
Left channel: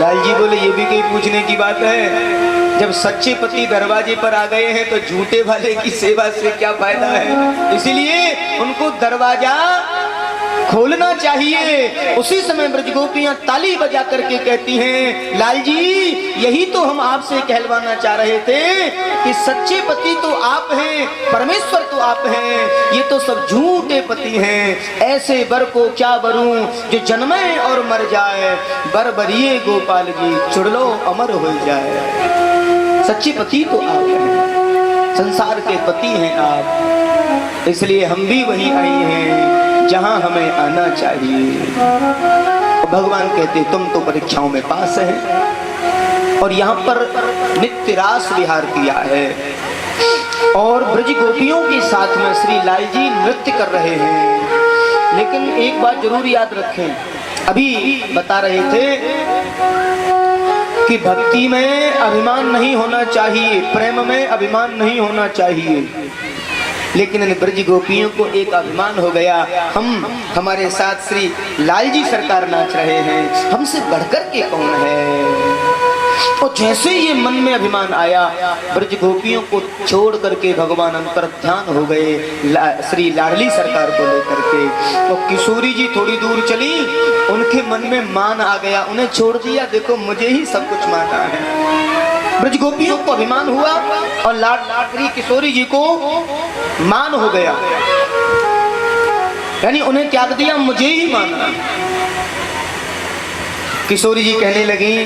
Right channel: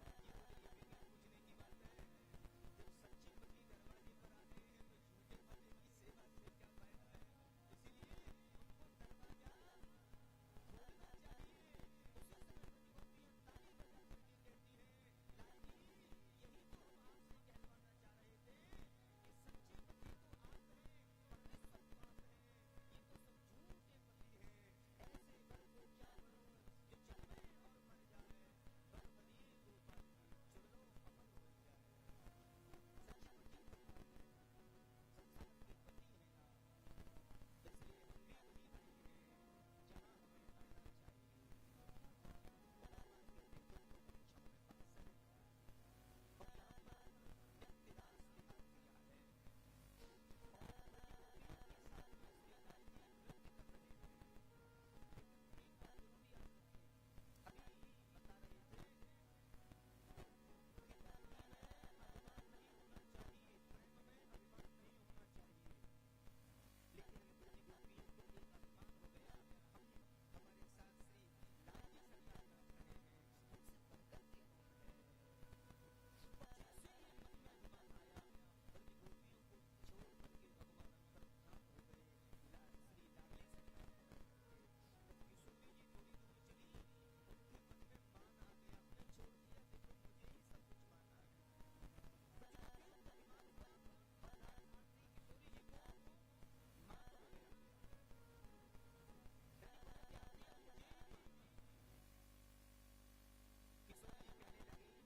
लाल जी बोले ये भी कोई पूछने की बात है? जब सच्चे पति दरवाजे पर आ गए हैं तो झूठे वाले की सेवा से क्या फायदा है? इसलिए उनको दरवाजा खोलना चाहिए। उसी समय ब्रज गोपियां ताली बजा करके कहती हैं, लाल जी यही तो हम आपसे कहलवाना चाह रहे थे कि सच्चे पति तो आप हैं, परमेश्वर तो आप हैं, ये तो सब झूठे पति हैं। ऐसे बर को क्या बरूं जो जन्मे और मर जाए, बर बरिए गोपाल जी चुड़लो अमर हो जाए। सच्चे पति तो आप हैं, संसार के पति हैं आप, इसलिए हम भी वहीं आए हैं जहां हमें आना चाहिए। भगवान कहते तुम तो परीक्षाओं में पास हैं और यहाँ पर नित्य रास विहार किया है और ब्रज गोपियों के साथ में श्री लाल जी नृत्य कर रहे हैं। लेकिन एक बात जरूर याद रखें, अभी बता रहे थे कि भक्ति में अभिमान नहीं होना चाहिए, प्रेम में अभिमान नहीं होना चाहिए। लेकिन इन ब्रज गोपियों को एक अभिमान हो गया, हमारे साथ श्री लाल जी सरकार नाच रहे हैं, हमसे बढ़कर के कौन है। और जैसे ये मन में अभिमान आया, ब्रज गोपियों को छोड़ करके भगवान अंतर्ध्यान हो गए श्री लाडली सरकार को लेकर के। तो किशोरी जी थोड़ी दूर चली, उनके मन में मान आ गया, उन्हें छोड़ दिया, देखो मुझे ही सब कुछ माना है। ब्रज गोपियों को अभिमान हुआ और लाडली किशोरी जी को मान हो गया, यानी उन्हें त्याग दिया, मुझे ही माना। किशोरी जी कहने लगी,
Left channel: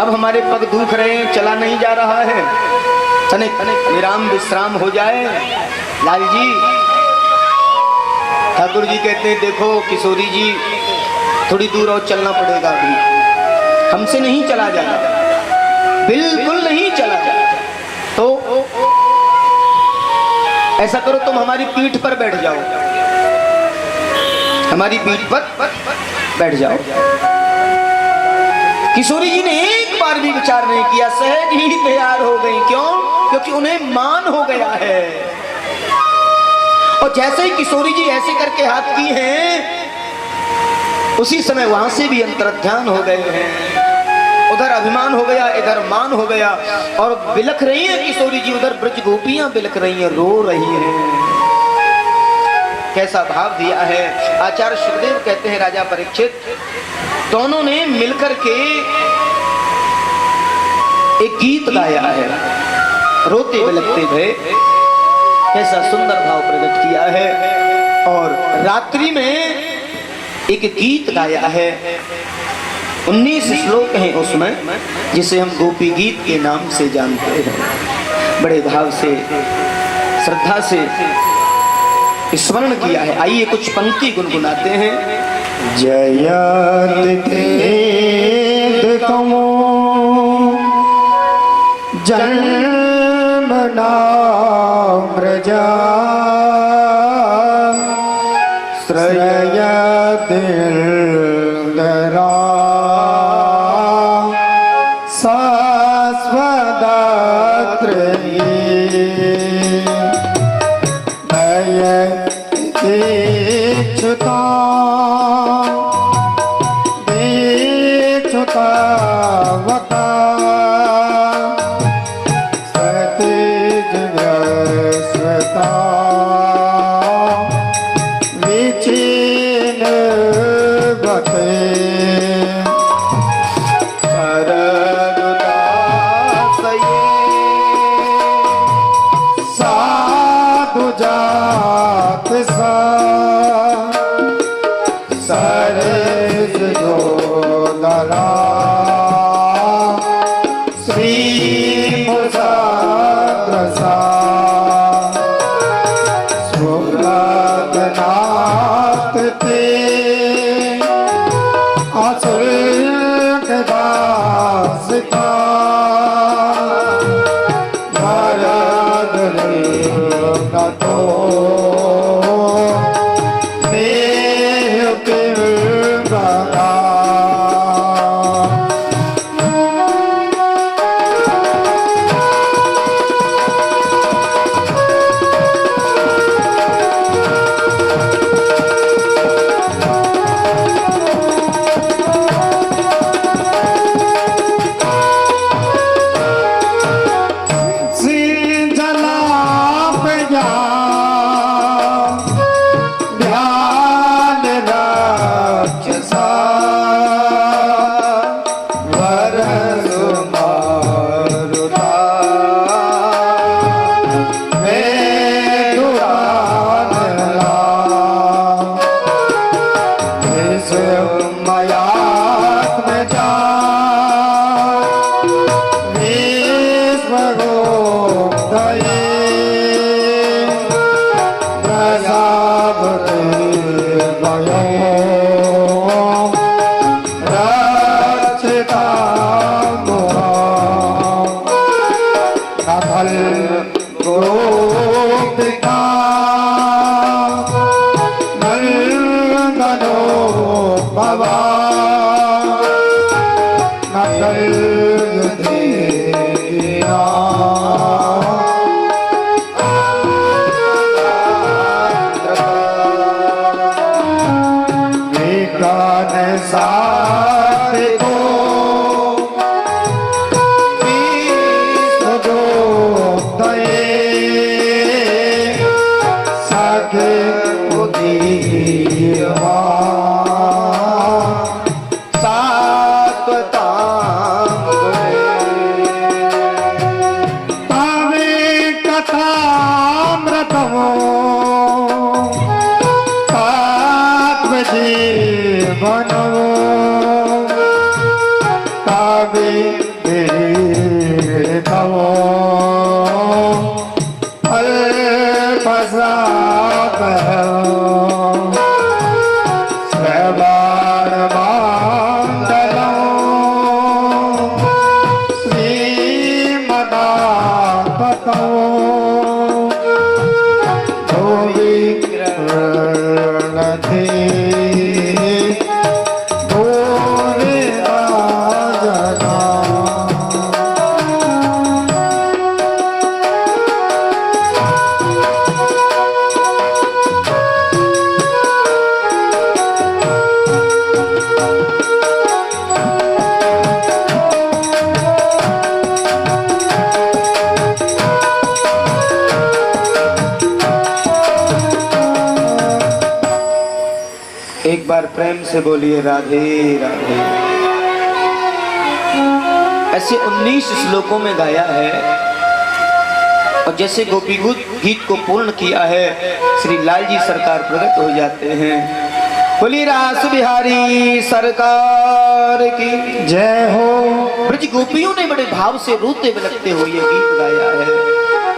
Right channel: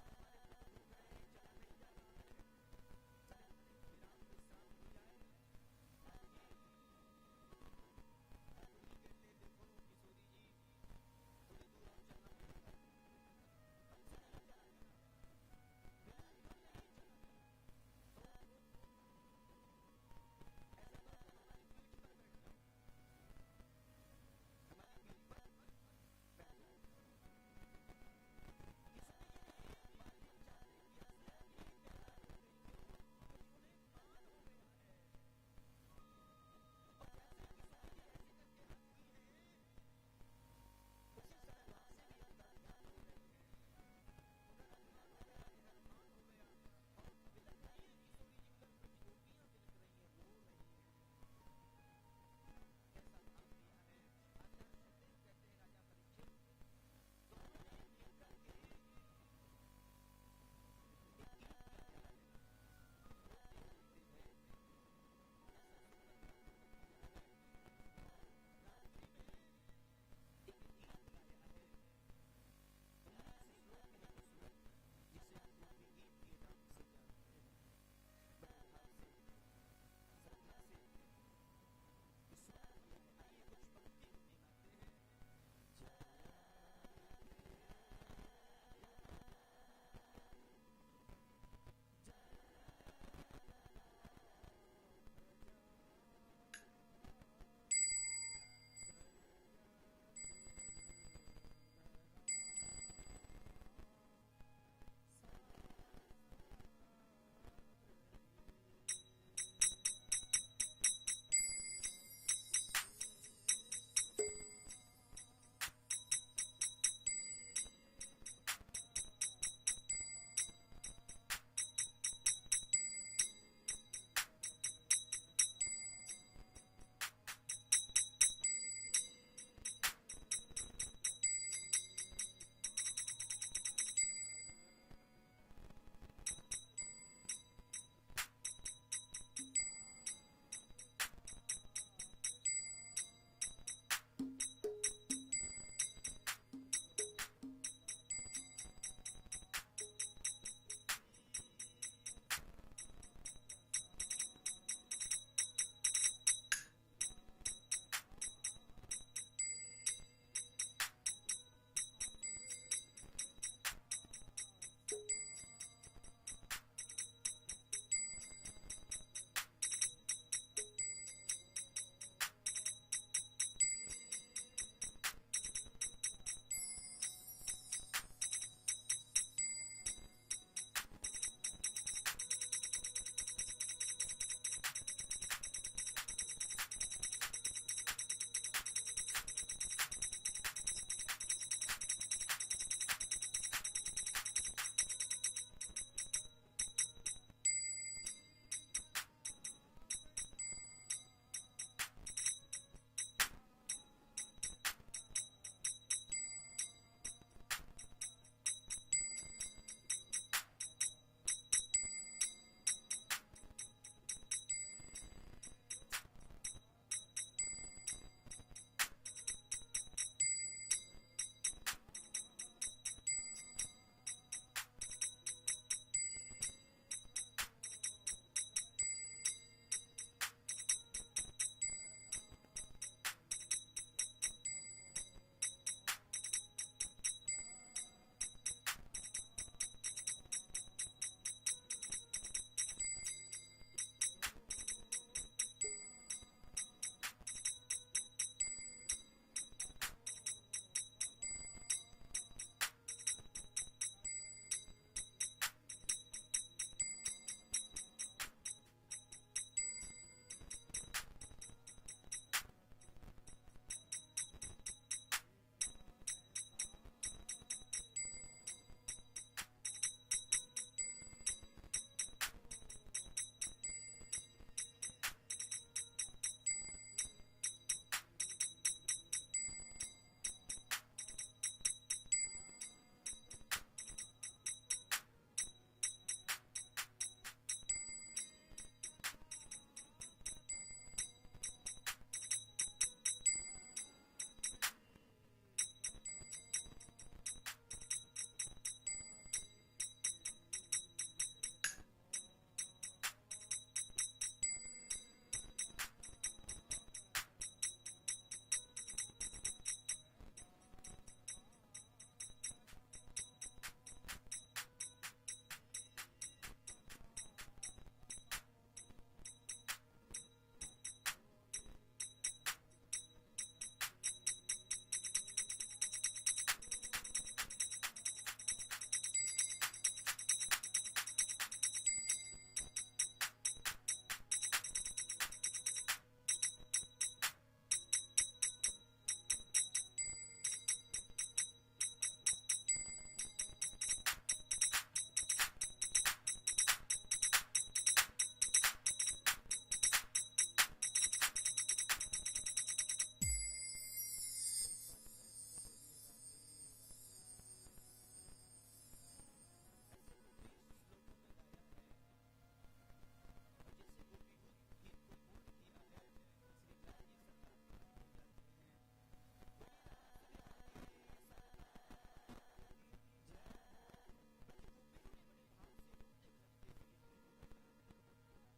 अब हमारे पग दुख रहे हैं, चला नहीं जा रहा है, तनिक विराम विश्राम हो जाए। लाल जी, ठाकुर जी कहते हैं देखो किशोरी जी थोड़ी दूर और चलना पड़ेगा, अभी हमसे नहीं चला जाएगा, बिल्कुल नहीं चला जाएगा। तो ऐसा करो तुम हमारी पीठ पर बैठ जाओ, हमारी पीठ पर बैठ जाओ। किशोरी जी ने एक बार भी विचार नहीं किया, सहज ही तैयार हो गई। क्यों? क्योंकि उन्हें मान हो गया है। और जैसे ही किशोरी जी ऐसे करके हाथ की हैं, उसी समय वहां से भी अंतर्ध्यान हो गए हैं। उधर अभिमान हो गया, इधर मान हो गया और बिलख रही है किशोरी जी, उधर ब्रज गोपियां बिलख रही हैं, रो रही हैं। कैसा भाव दिया है। आचार्य सुखदेव कहते हैं राजा परीक्षित दोनों ने मिलकर के एक गीत गाया है, रोते बिलखते भय, कैसा सुंदर भाव प्रकट किया है। और रात्रि में एक गीत गाया है, 19 श्लोक हैं उसमें, जिसे हम गोपी गीत के नाम से जानते हैं। बड़े भाव से श्रद्धा से स्मरण किया है। आइए कुछ पंक्ति गुनगुनाते हैं। जयत कमो जन्म नाम प्रजा श्रयत दरा श्रवण मंगलम श्रीमदाततो गोविंदे एक बार प्रेम से बोलिए राधे राधे। ऐसे 19 श्लोकों में गाया है और जैसे गोपी गीत को पूर्ण किया है श्री लाल जी सरकार प्रकट हो जाते हैं। बोलिए रास बिहारी सरकार की जय हो। ब्रज गोपियों ने बड़े भाव से रोते बिलखते हुए ये गीत गाया है,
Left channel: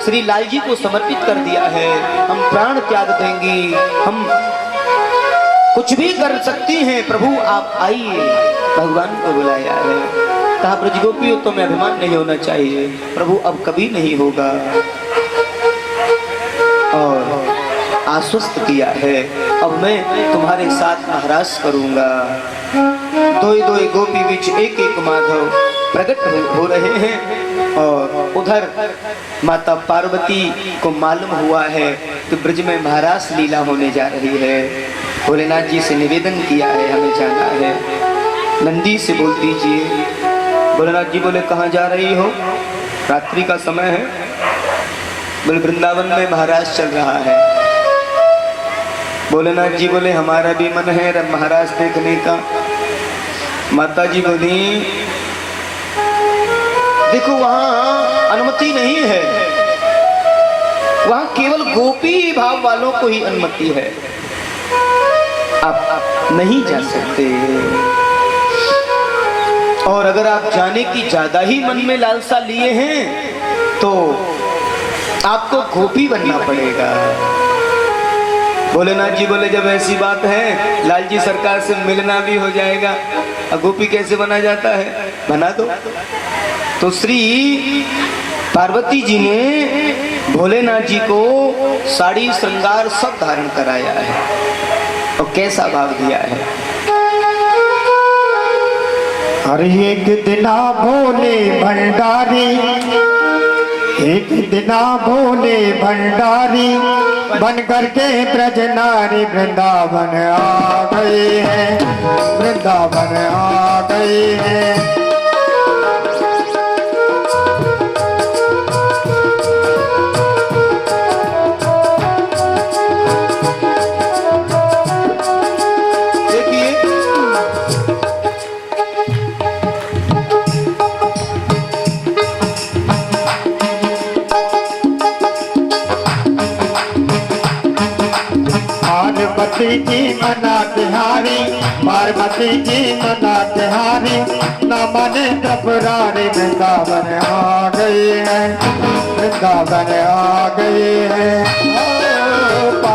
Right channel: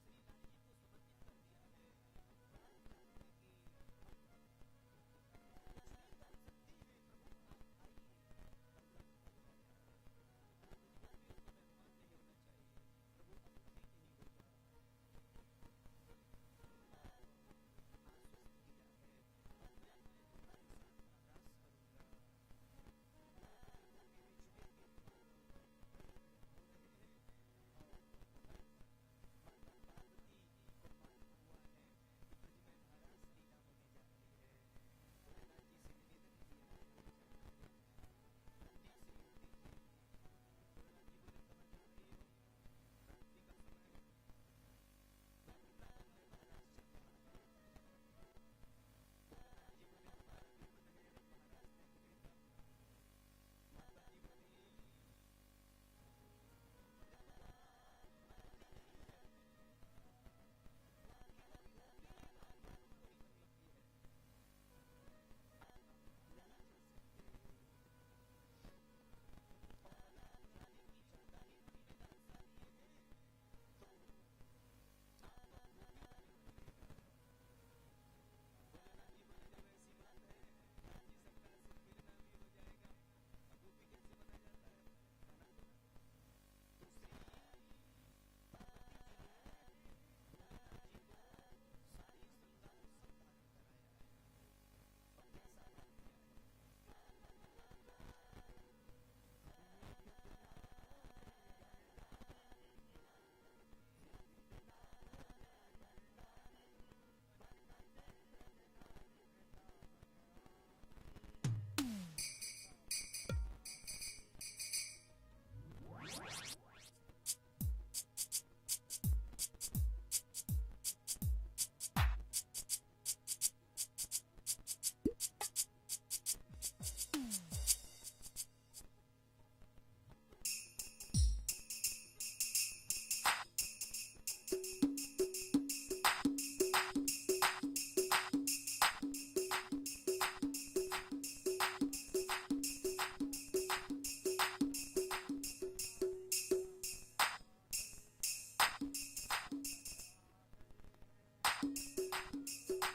श्री लाल जी को समर्पित कर दिया है। हम प्राण त्याग देंगे, हम कुछ भी कर सकती हैं, प्रभु आप आइए, भगवान को बुलाया है। कहा ब्रज गोपियों तुम्हें अभिमान नहीं होना चाहिए, प्रभु अब कभी नहीं होगा। और आश्वस्त किया है अब मैं तुम्हारे साथ महाराज करूंगा। दो गोपी बीच एक एक माधव प्रकट हो रहे हैं और उधर माता पार्वती को मालूम हुआ है कि ब्रज में महाराज लीला होने जा रही है। भोलेनाथ जी से निवेदन किया है हमें जाना है, नंदी से बोल दीजिए। भोलेनाथ जी बोले कहाँ जा रही हो? रात्रि का समय है। बोले वृंदावन में महाराज चल रहा है। भोलेनाथ जी बोले हमारा भी मन है महाराज देखने का। माता जी बोली देखो वहां अनुमति नहीं है, वहां केवल गोपी भाव वालों को ही अनुमति है, आप नहीं जा सकते। और अगर आप जाने की ज्यादा ही मन में लालसा लिए हैं तो आपको गोपी बनना पड़ेगा। भोलेनाथ जी बोले जब ऐसी बात है लाल जी सरकार से मिलना भी हो जाएगा, और गोपी कैसे बना जाता है, बना दो। तो श्री पार्वती जी ने भोलेनाथ जी को साड़ी श्रृंगार सब धारण कराया है और कैसा भाव दिया है। हर एक दिना भोले भंडारी, एक दिना भोले भंडारी बन करके ब्रज नारी वृंदावन आ गए हैं, वृंदावन आ गए हैं। पार्वती जी मना तिहारी, पार्वती जी मना तिहारी, न मने त्रिपुरारी वृंदावन आ गए हैं, वृंदावन आ गए हैं।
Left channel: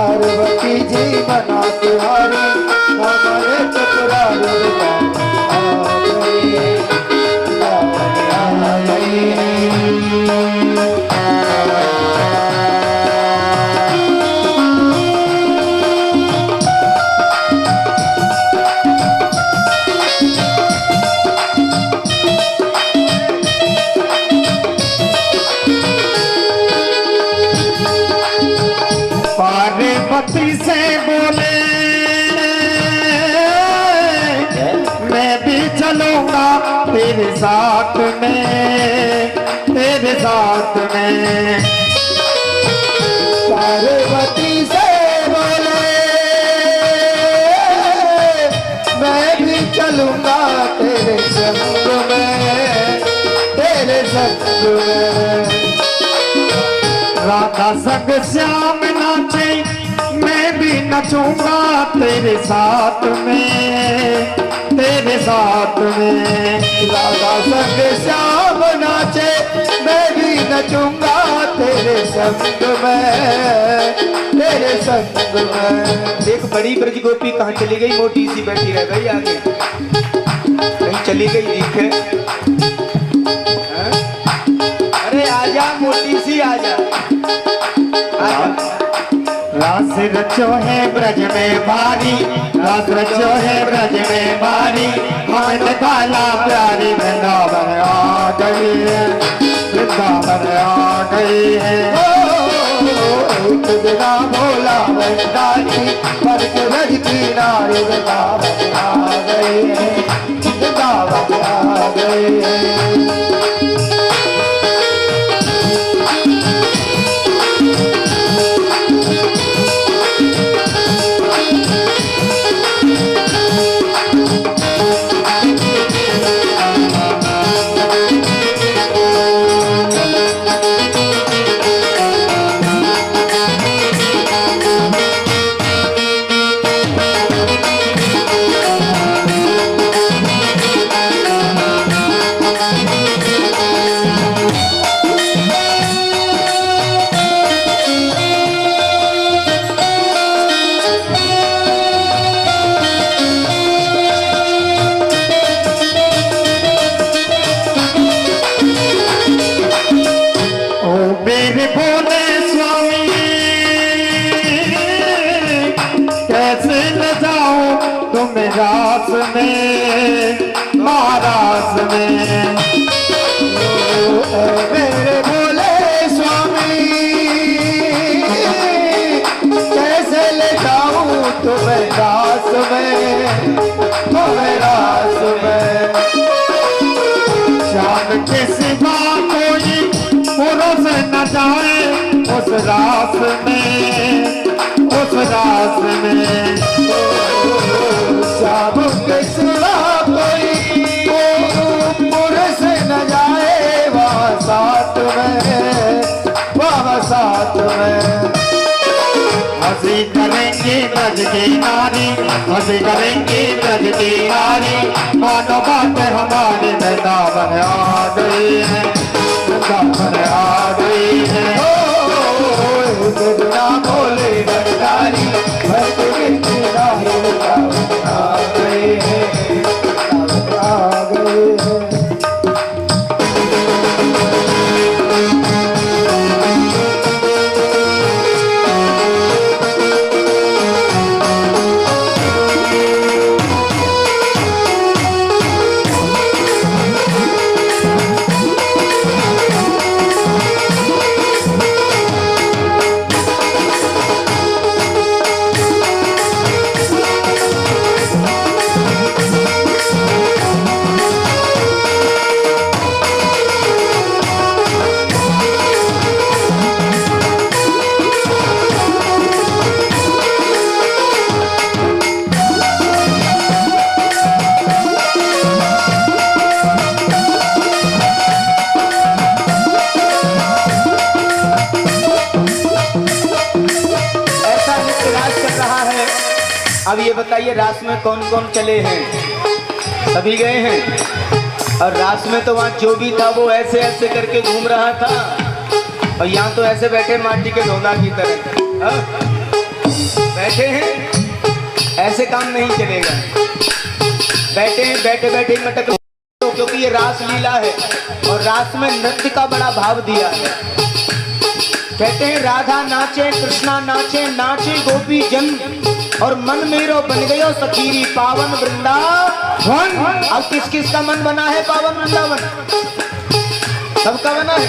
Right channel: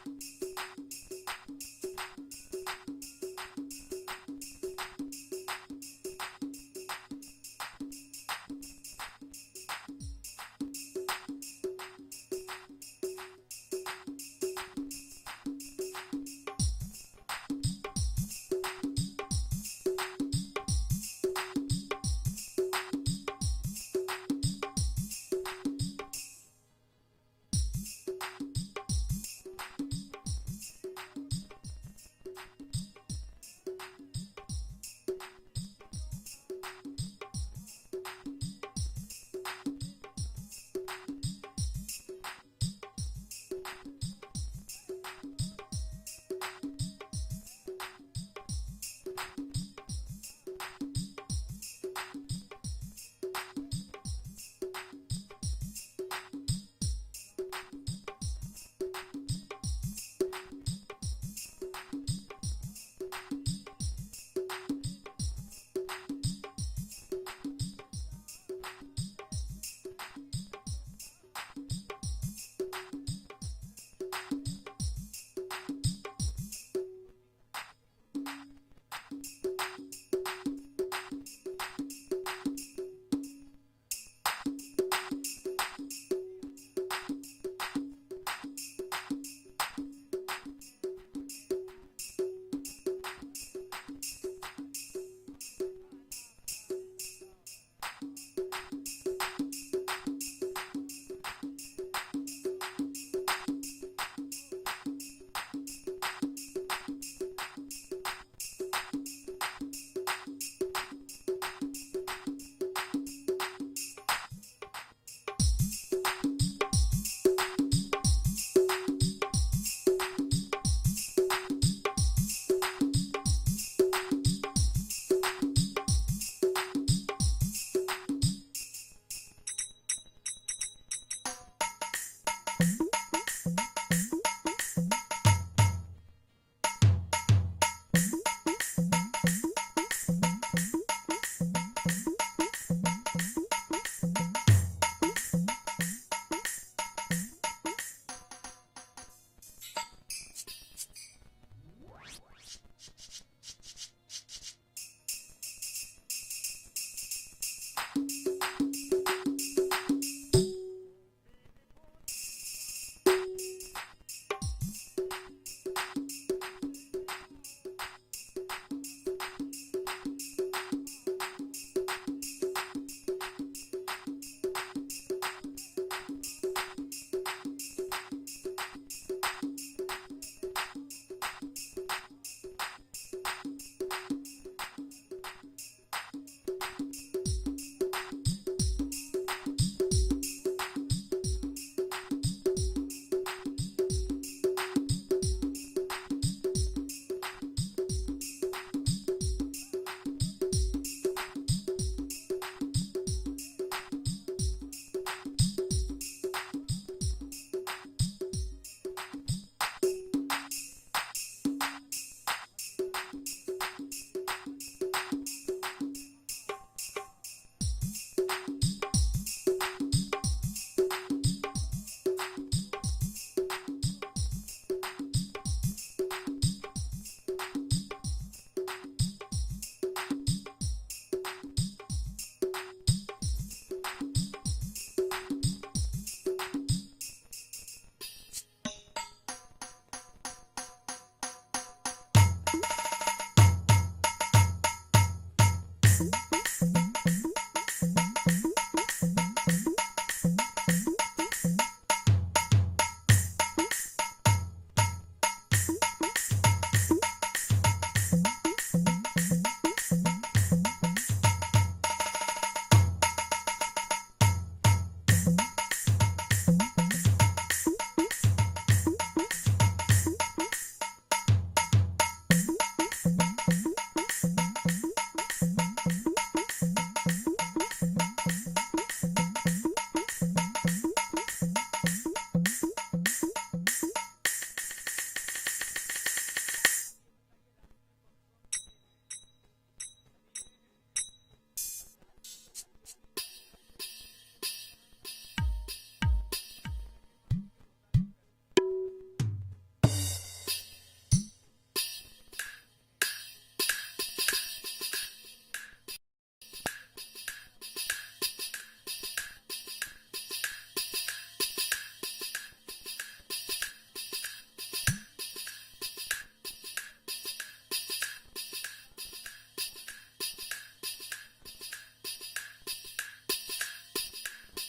पार्वती जी मना तिहारी, न मने त्रिपुरारी वृंदावन आ गए हैं, वृंदावन आ गए हैं। पार्वती से बोले मैं भी चलूंगा तेरे साथ में, तेरे साथ में। पार्वती से बोले मैं भी चलूंगा तेरे संग में, तेरे संग में। राधा संग श्याम नाचे मैं भी नचूंगा तेरे साथ में, तेरे साथ में। राधा संग श्याम नाचे मैं भी नचूंगा तेरे संग में, तेरे तेरे संग में। एक बड़ी ब्रज गोपी कहाँ चली गई, मोटी सी बैठी रह गई आगे, कहीं चली गई दिखे। हाँ? अरे आजा मोटी सी आजा, आजा। रास रचो है ब्रज में भारी, रास रचो है ब्रज में भारी, मन काला प्यारी वृंदावन आ गई है, वृंदावन आ गई है। बिना भोला भंडारी पर के ब्रज की नारी वृंदावन आ गई है, वृंदावन आ गई है। रास में महाराज में मेरे भोले स्वामी, कैसे ले जाऊं तुम्हें रास में, तुम्हें रास में। शाम के सिवा कोई पुरुष न जाए उस रास में, उस रास में। शाम के सिवा कोई पुरुष न जाए वहाँ साथ में, वहाँ साथ में। हंसी करेंगे ब्रज की नारी, हंसी करेंगे ब्रज की नारी, मानो बात हमारी वृंदावन आ गई है, वृंदावन आ गई है। बिना भोले भंडारी भक्त की नारी वृंदावन आ गई है, वृंदावन आ गई है। अब ये बताइए रास में कौन कौन चले हैं? सभी गए हैं। और रास में तो वहाँ जो भी था वो ऐसे ऐसे करके घूम रहा था, और यहाँ तो ऐसे बैठे माटी के ढोंगा की तरह। हाँ? बैठे हैं, ऐसे काम नहीं चलेगा। बैठे हैं, बैठे बैठे मटक, क्योंकि ये रास लीला है और रास में नृत्य का बड़ा भाव दिया है। कहते हैं राधा नाचे, कृष्णा नाचे, नाचे गोपी जन, और मन मेरो बन गयो सखीरी पावन वृंदावन। अब किस किस का मन बना है पावन वृंदावन? सबका बना है।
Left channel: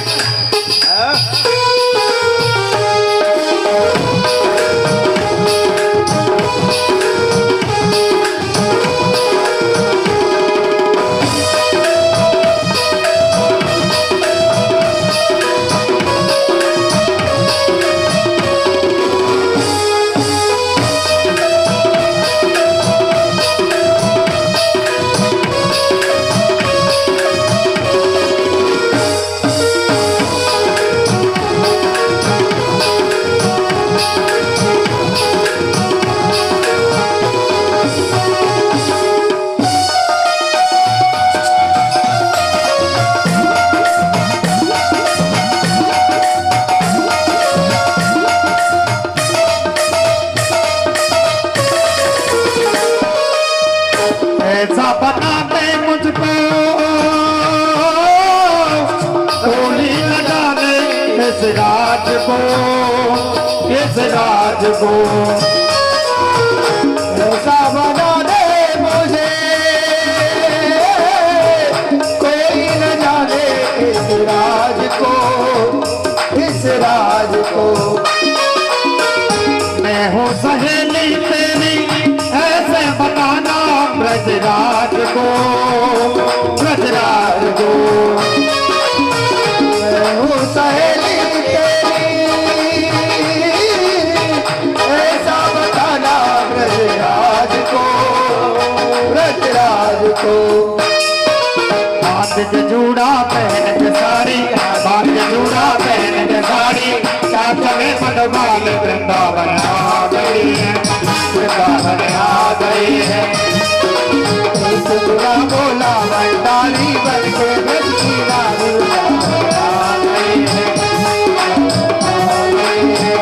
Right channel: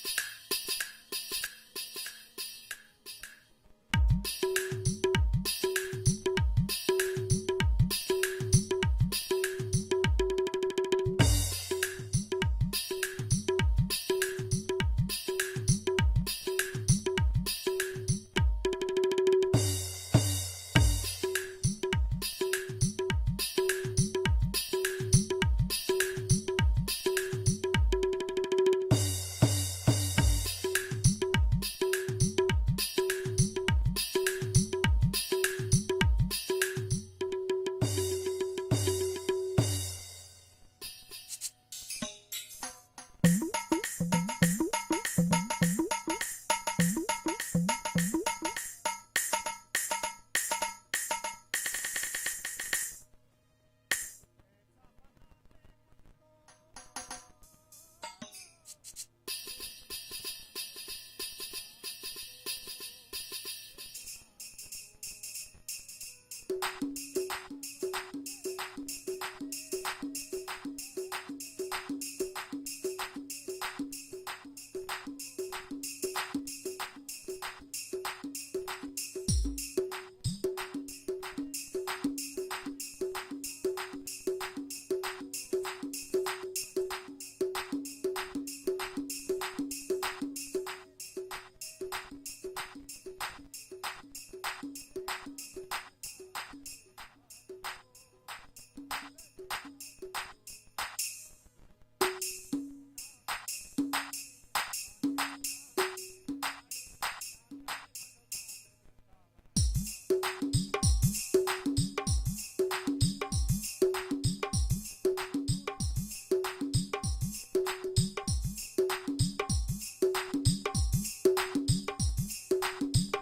राजा बना दे मुझको, कोई न जाने इस राज को, इस राज को। राजा बना दे मुझे, कोई न जाने इस राज को, इस राज को। मैं हूँ सहेली तेरी ऐसे बताना ब्रजराज को, ब्रजराज को। मैं हूँ सहेली तेरी ऐसा बताना ब्रजराज को, ब्रजराज को। बात के जूड़ा पहन के साड़ी, बात के जूड़ा पहन के साड़ी, साथ में मनोबाल वृंदावन आ गई है, वृंदावन आ गई है। सतुरा बोला वंडाली बन के ब्रज की रानी वृंदावन आ गई है, आ गई है।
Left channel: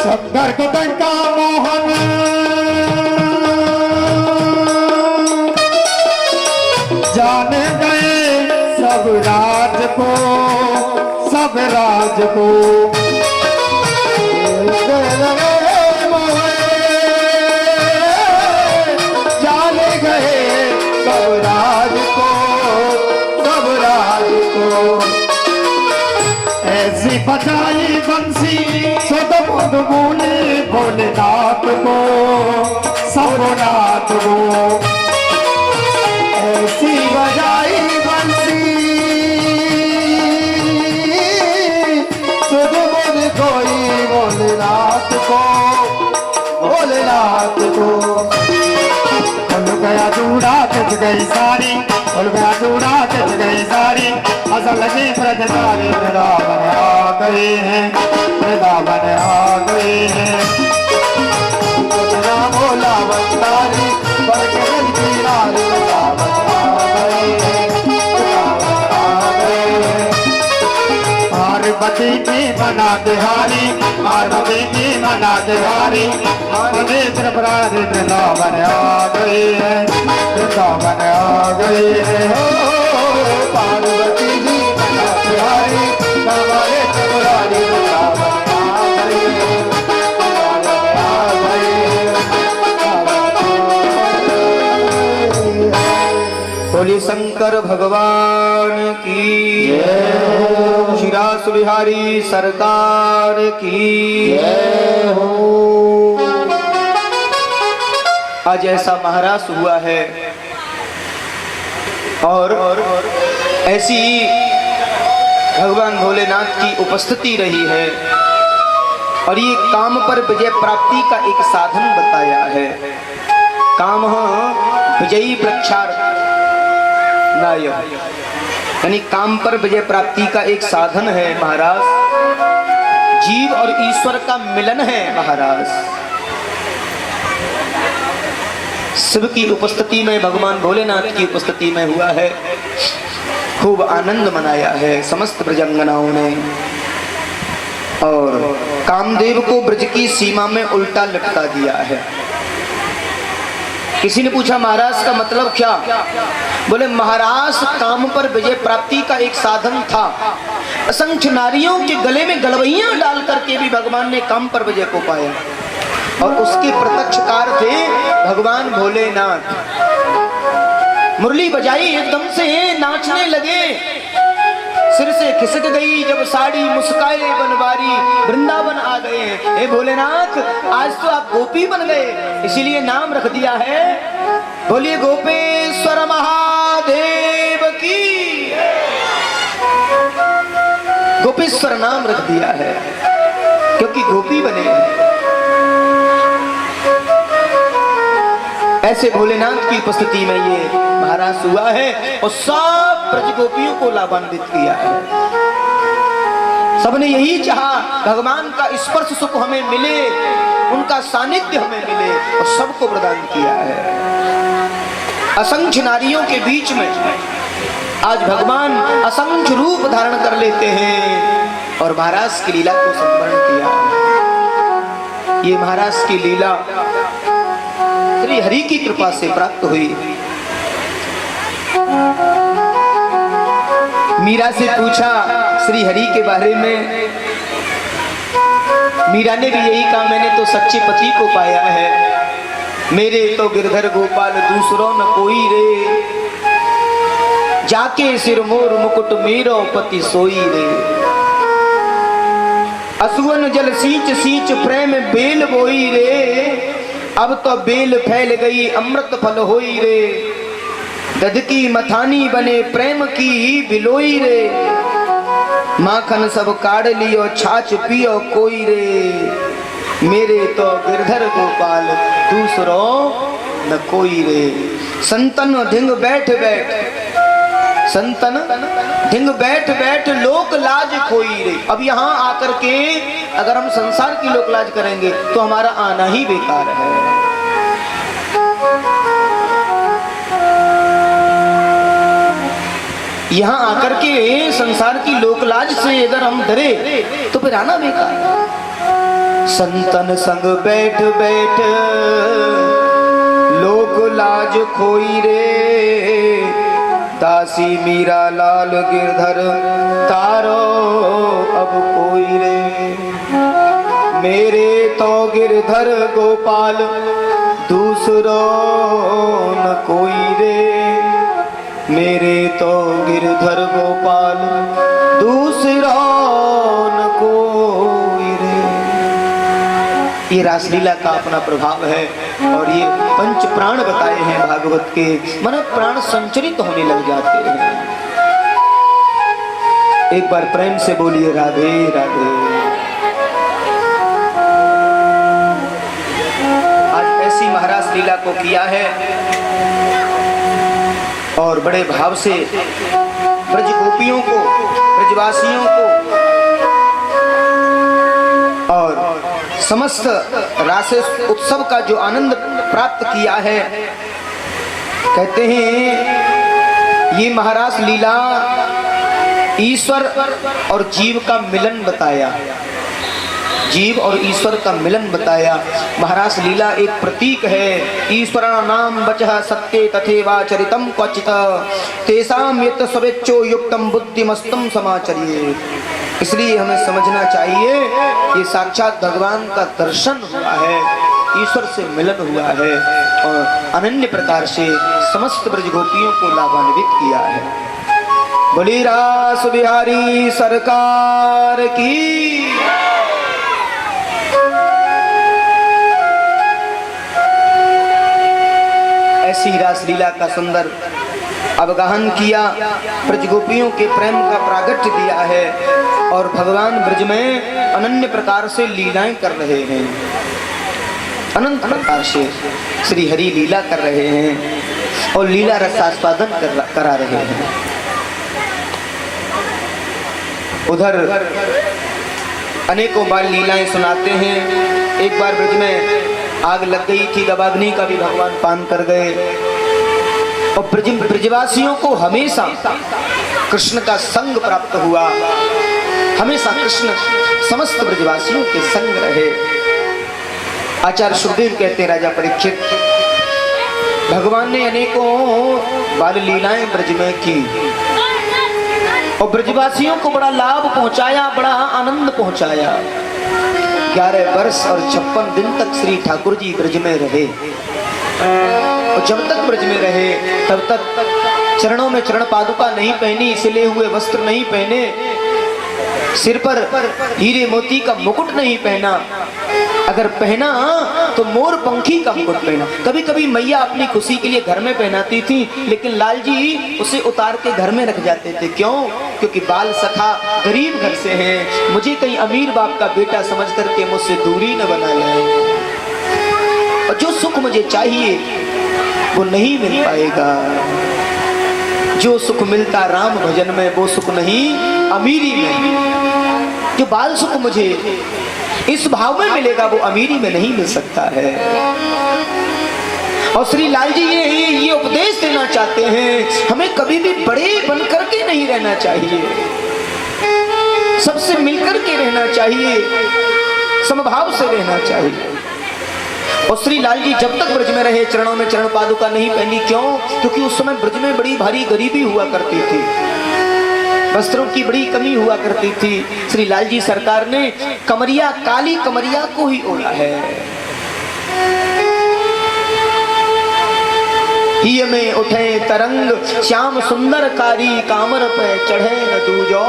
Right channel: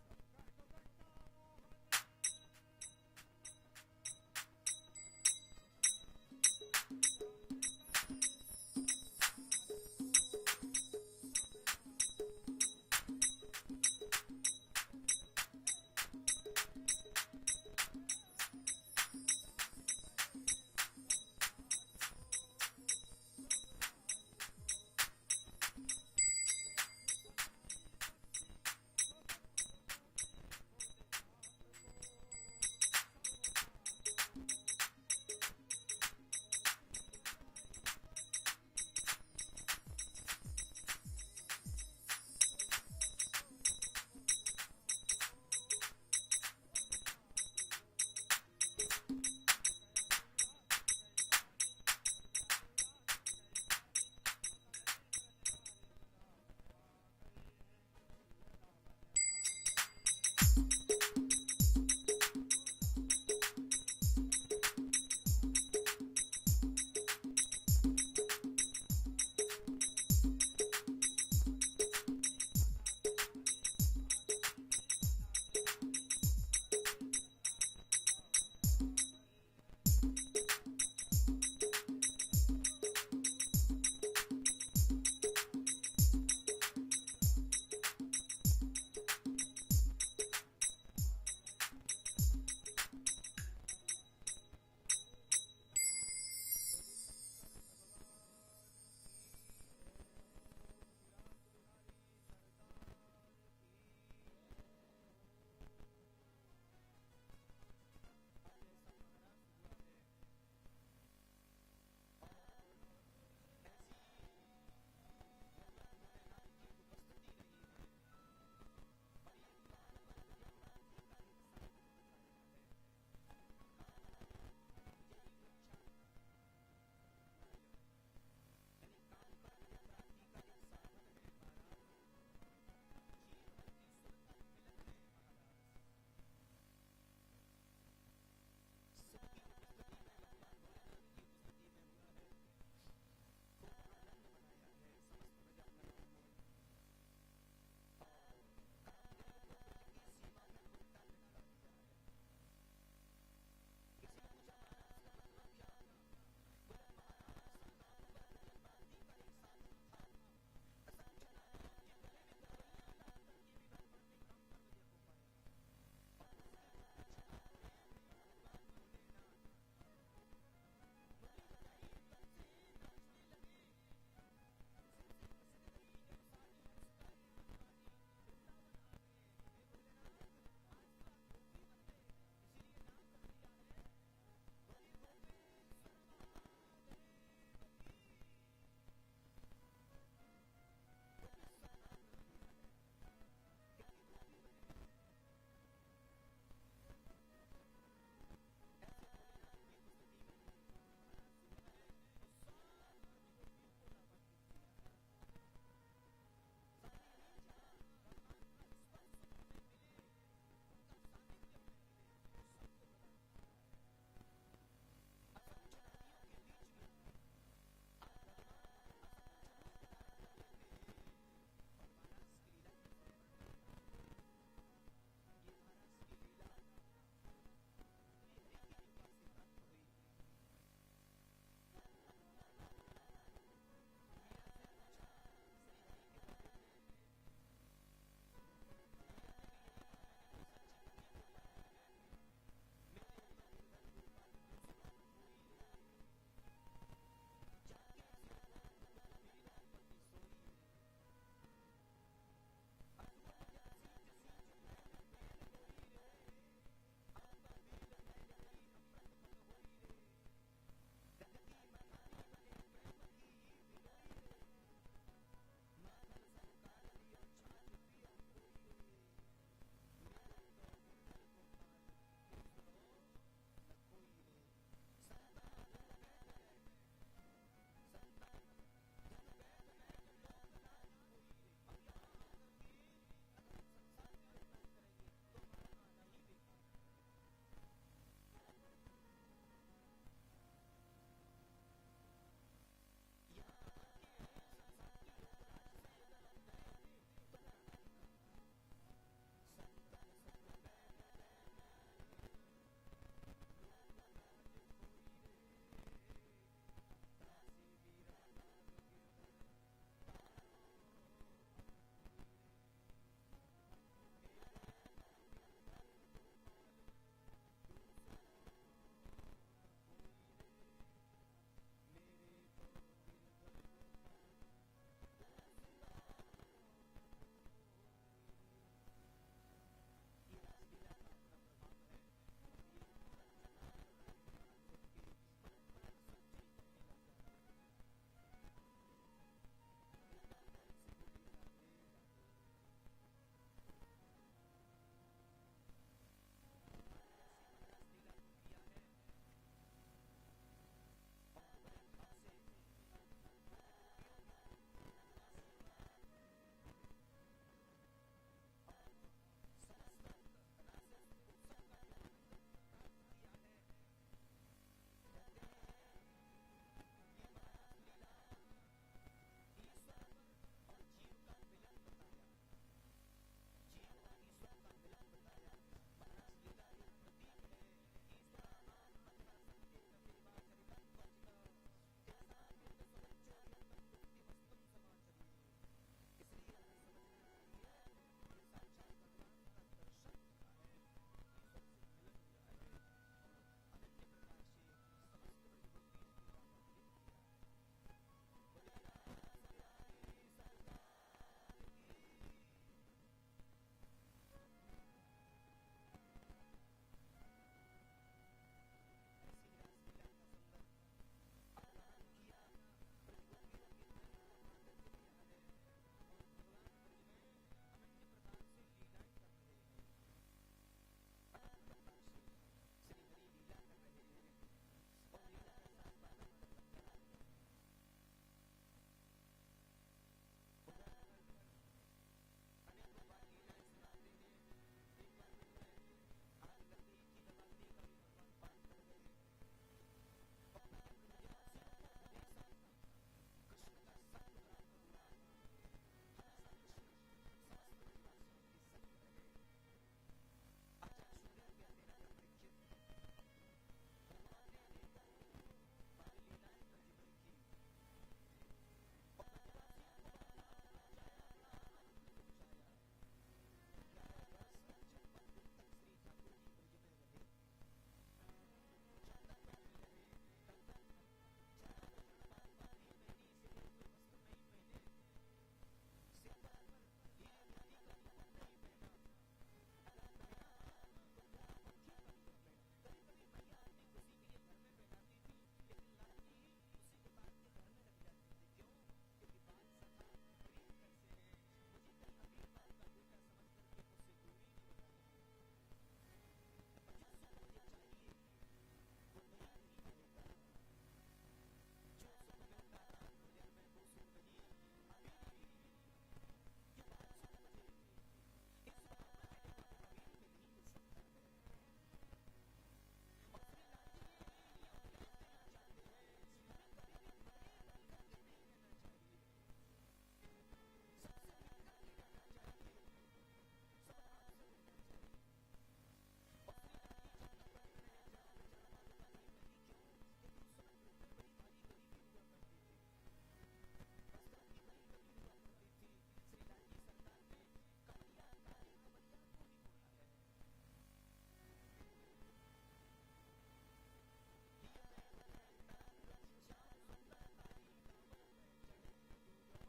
शंकर को टंका मोहन जाने गए सब राज को, सब राज को। जाने गए सब राज को, सब राज को। ऐसी बजाई बंसी सद मुद बोले भोलेनाथ को, सबनाथ को। ऐसी बजाई बंसी सद मुद कोई भोलेनाथ को, भोलेनाथ को। खुल गया जूड़ा तुझ गई सारी, खुल गया जूड़ा तुझ गई सारी। असल में ब्रजधारी वृंदावन आ गए हैं, वृंदावन आ गए हैं। बोला वंदारी पर के ब्रज की रानी वृंदावन आ गए हैं, वृंदावन आ गए हैं। पार्वती की मना तिहारी, पार्वती की मना तिहारी। नेत्र प्राणी वृंदावन आ गए हैं, वृंदावन आ गए हैं। पार्वती जी मना तिहारी, हमारे त्रिपुरारी वृंदावन आ गए हैं, वृंदावन आ गए हैं। बोले शंकर भगवान की जय। श्री रास बिहारी सरकार की जय हो। आज ऐसा महारास हुआ है और ऐसी भगवान भोलेनाथ की उपस्थिति रही है और ये काम पर विजय प्राप्ति का एक साधन बताया है। काम विजयी वृक्षार नायक, यानी काम पर विजय प्राप्ति का एक साधन है महाराज। जीव और ईश्वर का मिलन है महाराज। शिव की उपस्थिति में, भगवान भोलेनाथ की उपस्थिति में हुआ है। खूब आनंद मनाया है समस्त ब्रजंगनाओं ने, और कामदेव को ब्रज की सीमा में उल्टा लटका दिया है। किसी ने पूछा महाराज का मतलब क्या? बोले महाराज काम पर विजय प्राप्ति का एक साधन था। असंख्य नारियों के गले में गलवैयां डाल करके भी भगवान ने काम पर विजय को पाया, और उसके प्रत्यक्षकार थे भगवान भोलेनाथ। मुरली बजाई, एकदम से नाचने लगे, सिर से खिसक गई जब साड़ी, मुस्काए बनवारी, वृंदावन आ गए। हे भोलेनाथ, आज तो आप गोपी बन गए, इसीलिए नाम रख दिया है, बोलिए गोपेश्वर महादेव की। गोपेश्वर नाम रख दिया है क्योंकि गोपी बने हैं। ऐसे भोलेनाथ की उपस्थिति में ये महाराज हुआ है, और सब ब्रज गोपियों को लाभान्वित किया है। सबने यही चाहा भगवान का स्पर्श सुख हमें मिले, उनका सानिध्य हमें मिले, और सबको प्रदान किया है। असंख्य नारियों के बीच में आज भगवान असंख्य रूप धारण कर लेते हैं, और महाराज की लीला को संवरण किया। ये महाराज की लीला श्री हरि की कृपा से प्राप्त हुई। मीरा से पूछा श्री हरि के बारे में, मीरा ने भी यही कहा, मैंने तो सच्चे पति को पाया है, मेरे तो गिरधर गोपाल दूसरों न कोई रे, जाके सिर मोर मुकुट मेरो पति सोई रे। असुवन जल सींच सींच प्रेम बेल बोई रे, अब तो बेल फैल गई अमृत फल होई रे। दध की मथानी बने प्रेम की बिलोई रे, माखन सब काढ़ लियो छाछ पियो कोई रे, मेरे तो गिरधर गोपाल दूसरों न कोई रे। संतन ढिंग बैठ बैठ, संतन ढिंग बैठ बैठ लोक लाज खोई रे। अब यहाँ आकर के अगर हम संसार की लोक लाज करेंगे तो हमारा आना ही बेकार है। यहाँ आकर के संसार की लोक लाज से अगर हम डरे तो फिर आना बेकार है। संतन संग बैठ बैठ लोक लाज खोई रे, दासी मीरा लाल गिरधर तारो अब कोई रे। मेरे तो गिरधर गोपाल दूसरो न कोई रे, मेरे तो गिरधर गोपाल दूसरो न कोई रे। ये रासलीला का अपना प्रभाव है, और ये पंच प्राण बताए हैं भागवत के, मन प्राण संचरित होने लग जाते हैं। एक बार प्रेम से बोलिए राधे राधे। आज ऐसी महाराज लीला को किया है, और बड़े भाव से ब्रज गोपियों को, ब्रजवासियों को और समस्त रास उत्सव का जो आनंद प्राप्त किया है। कहते हैं ये महाराज लीला ईश्वर और जीव का मिलन बताया, जीव और ईश्वर का मिलन बताया। महाराज लीला एक प्रतीक है। ईश्वरा नाम वचः सत्ये तथैवाचरितं क्वचित्, तेषां यत् स्वेच्छो युक्तं बुद्धिमस्तं समाचर्ये। इसलिए हमें समझना चाहिए ये साक्षात भगवान का दर्शन हुआ है, ईश्वर से मिलन हुआ है, और अनन्य प्रकार से समस्त ब्रज गोपियों को लाभान्वित किया है। बोली रास बिहारी सरकार की। ऐसी रासलीला का सुंदर अवगाहन किया, ब्रज गोपियों के प्रेम का प्रागट्य दिया है, और भगवान ब्रज में अनन्य प्रकार से लीलाएं कर रहे हैं, अनंत प्रकार से श्री हरि लीला कर रहे हैं, और लीला रसास्वादन करा रहे हैं। उधर अनेकों बार लीलाएं सुनाते हैं। एक बार ब्रज में आग लग गई थी, तब अग्नि का भी भगवान पान कर गए। और ब्रजवासियों को हमेशा कृष्ण का संग प्राप्त हुआ, हमेशा कृष्ण समस्त ब्रजवासियों के संग रहे। आचार्य सुखदेव कहते हैं, राजा परीक्षित, भगवान ने अनेकों बाल लीलाएं ब्रज में की और ब्रजवासियों को बड़ा लाभ पहुंचाया, बड़ा आनंद पहुंचाया। 11 वर्ष और 56 दिन तक श्री ठाकुर जी ब्रज में रहे और जब तक ब्रज में रहे तब तक चरणों में चरण पादुका नहीं पहनी, सिले हुए वस्त्र नहीं पहने, सिर पर हीरे मोती का मुकुट नहीं पहना, अगर पहना तो मोर पंखी का मुकुट पहना। कभी कभी मैया अपनी खुशी के लिए घर में पहनाती थी, लेकिन लाल जी उसे उतार के घर में रख जाते थे। क्यों? क्योंकि बाल सखा गरीब घर से हैं, मुझे कहीं अमीर बाप का बेटा समझ करके मुझसे दूरी न बना ले, और जो सुख मुझे चाहिए वो नहीं मिल पाएगा। जो सुख मिलता राम भजन में वो सुख नहीं अमीरी में। जो बाल सुख मुझे इस भाव में मिलेगा वो अमीरी में नहीं मिल सकता है। और श्री लाल जी ये उपदेश देना चाहते हैं, हमें कभी भी बड़े बनकर के नहीं रहना चाहिए, सबसे मिलकर के रहना चाहिए, समभाव से रहना चाहिए। और श्री लाल जी जब तक ब्रज में रहे चरणों में चरण पादुका नहीं पहनी। क्यों? क्योंकि उस समय ब्रज में बड़ी भारी गरीबी हुआ करती थी, वस्त्रों की बड़ी कमी हुआ करती थी। श्री लाल जी सरकार ने कमरिया, काली कमरिया को ही ओढ़ा है। ही में उठे तरंग श्याम सुंदर कारी, कामर पे चढ़े न दूजो।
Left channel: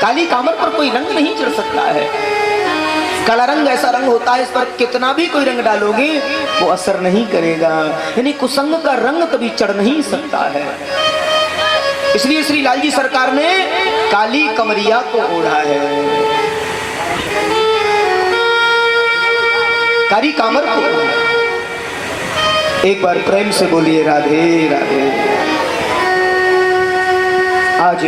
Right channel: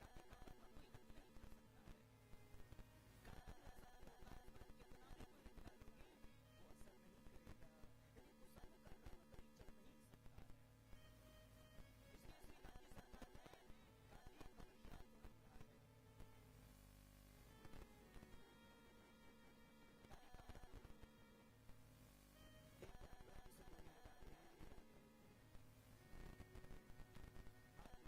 काली कामर पर कोई रंग नहीं चढ़ सकता है। काला रंग ऐसा रंग होता है, इस पर कितना भी कोई रंग डालोगे वो असर नहीं करेगा, यानी कुसंग का रंग कभी चढ़ नहीं सकता है। इसलिए श्री लाल जी सरकार ने काली कमरिया को ओढ़ा है, काली कामर को ओढ़ा। एक बार प्रेम से बोलिए राधे राधे। आज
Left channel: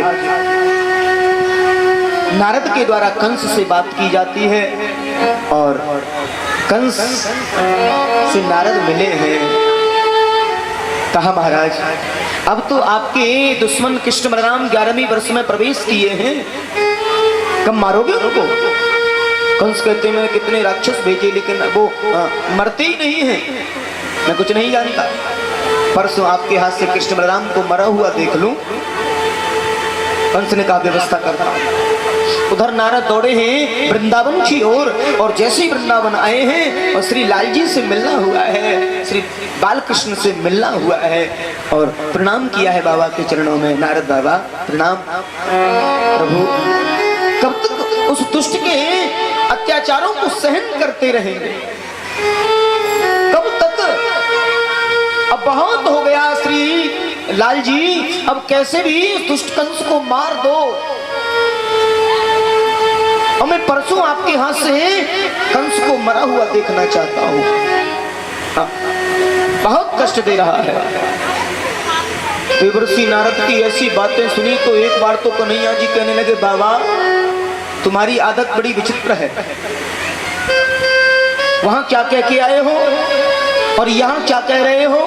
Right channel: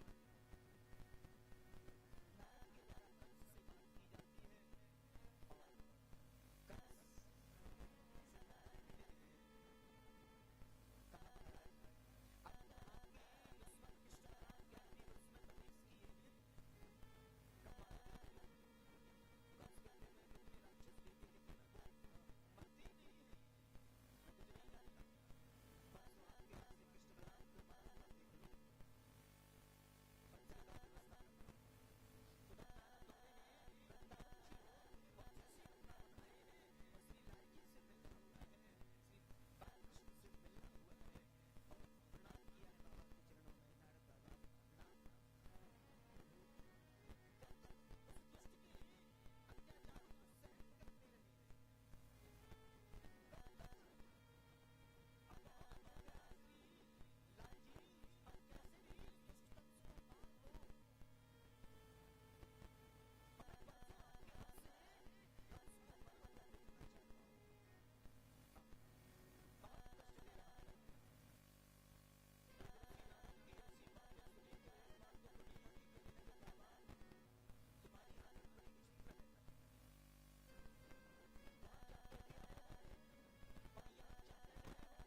नारद के द्वारा कंस से बात की जाती है और कंस से नारद मिले हैं। कहा, महाराज अब तो आपके दुश्मन कृष्ण बलराम 11वीं वर्ष में प्रवेश किए हैं, कब मारोगे उनको? कंस कहते हैं, मैंने कितने राक्षस भेजे लेकिन वो मरते ही नहीं हैं, मैं कुछ नहीं जानता। परसों आपके हाथ से कृष्ण बलराम को मरा हुआ देख लूं। कंस ने कहा, व्यवस्था करता हूं। उधर नारद दौड़े हैं वृंदावन की ओर और जैसे ही वृंदावन आए हैं और श्री लाल जी से मिलना हुआ है, श्री बालकृष्ण से मिलना हुआ है और प्रणाम किया है बाबा के चरणों में। नारद बाबा प्रणाम। प्रभु कब तक उस दुष्ट के अत्याचारों को सहन करते रहेंगे? कब तक? अब बहुत हो गया श्री लाल जी, अब कैसे भी उस दुष्ट कंस को मार दो। और मैं परसों आपके हाथ से कंस को मरा हुआ देखना चाहता हूं। बहुत कष्ट दे रहा है। देवर्षि नारद की ऐसी बातें सुनी तो एक बार तो कन्हैया जी कहने लगे, बाबा तुम्हारी आदत बड़ी विचित्र है, वहां क्या कह के आए हो और यहां क्या कह रहे हो?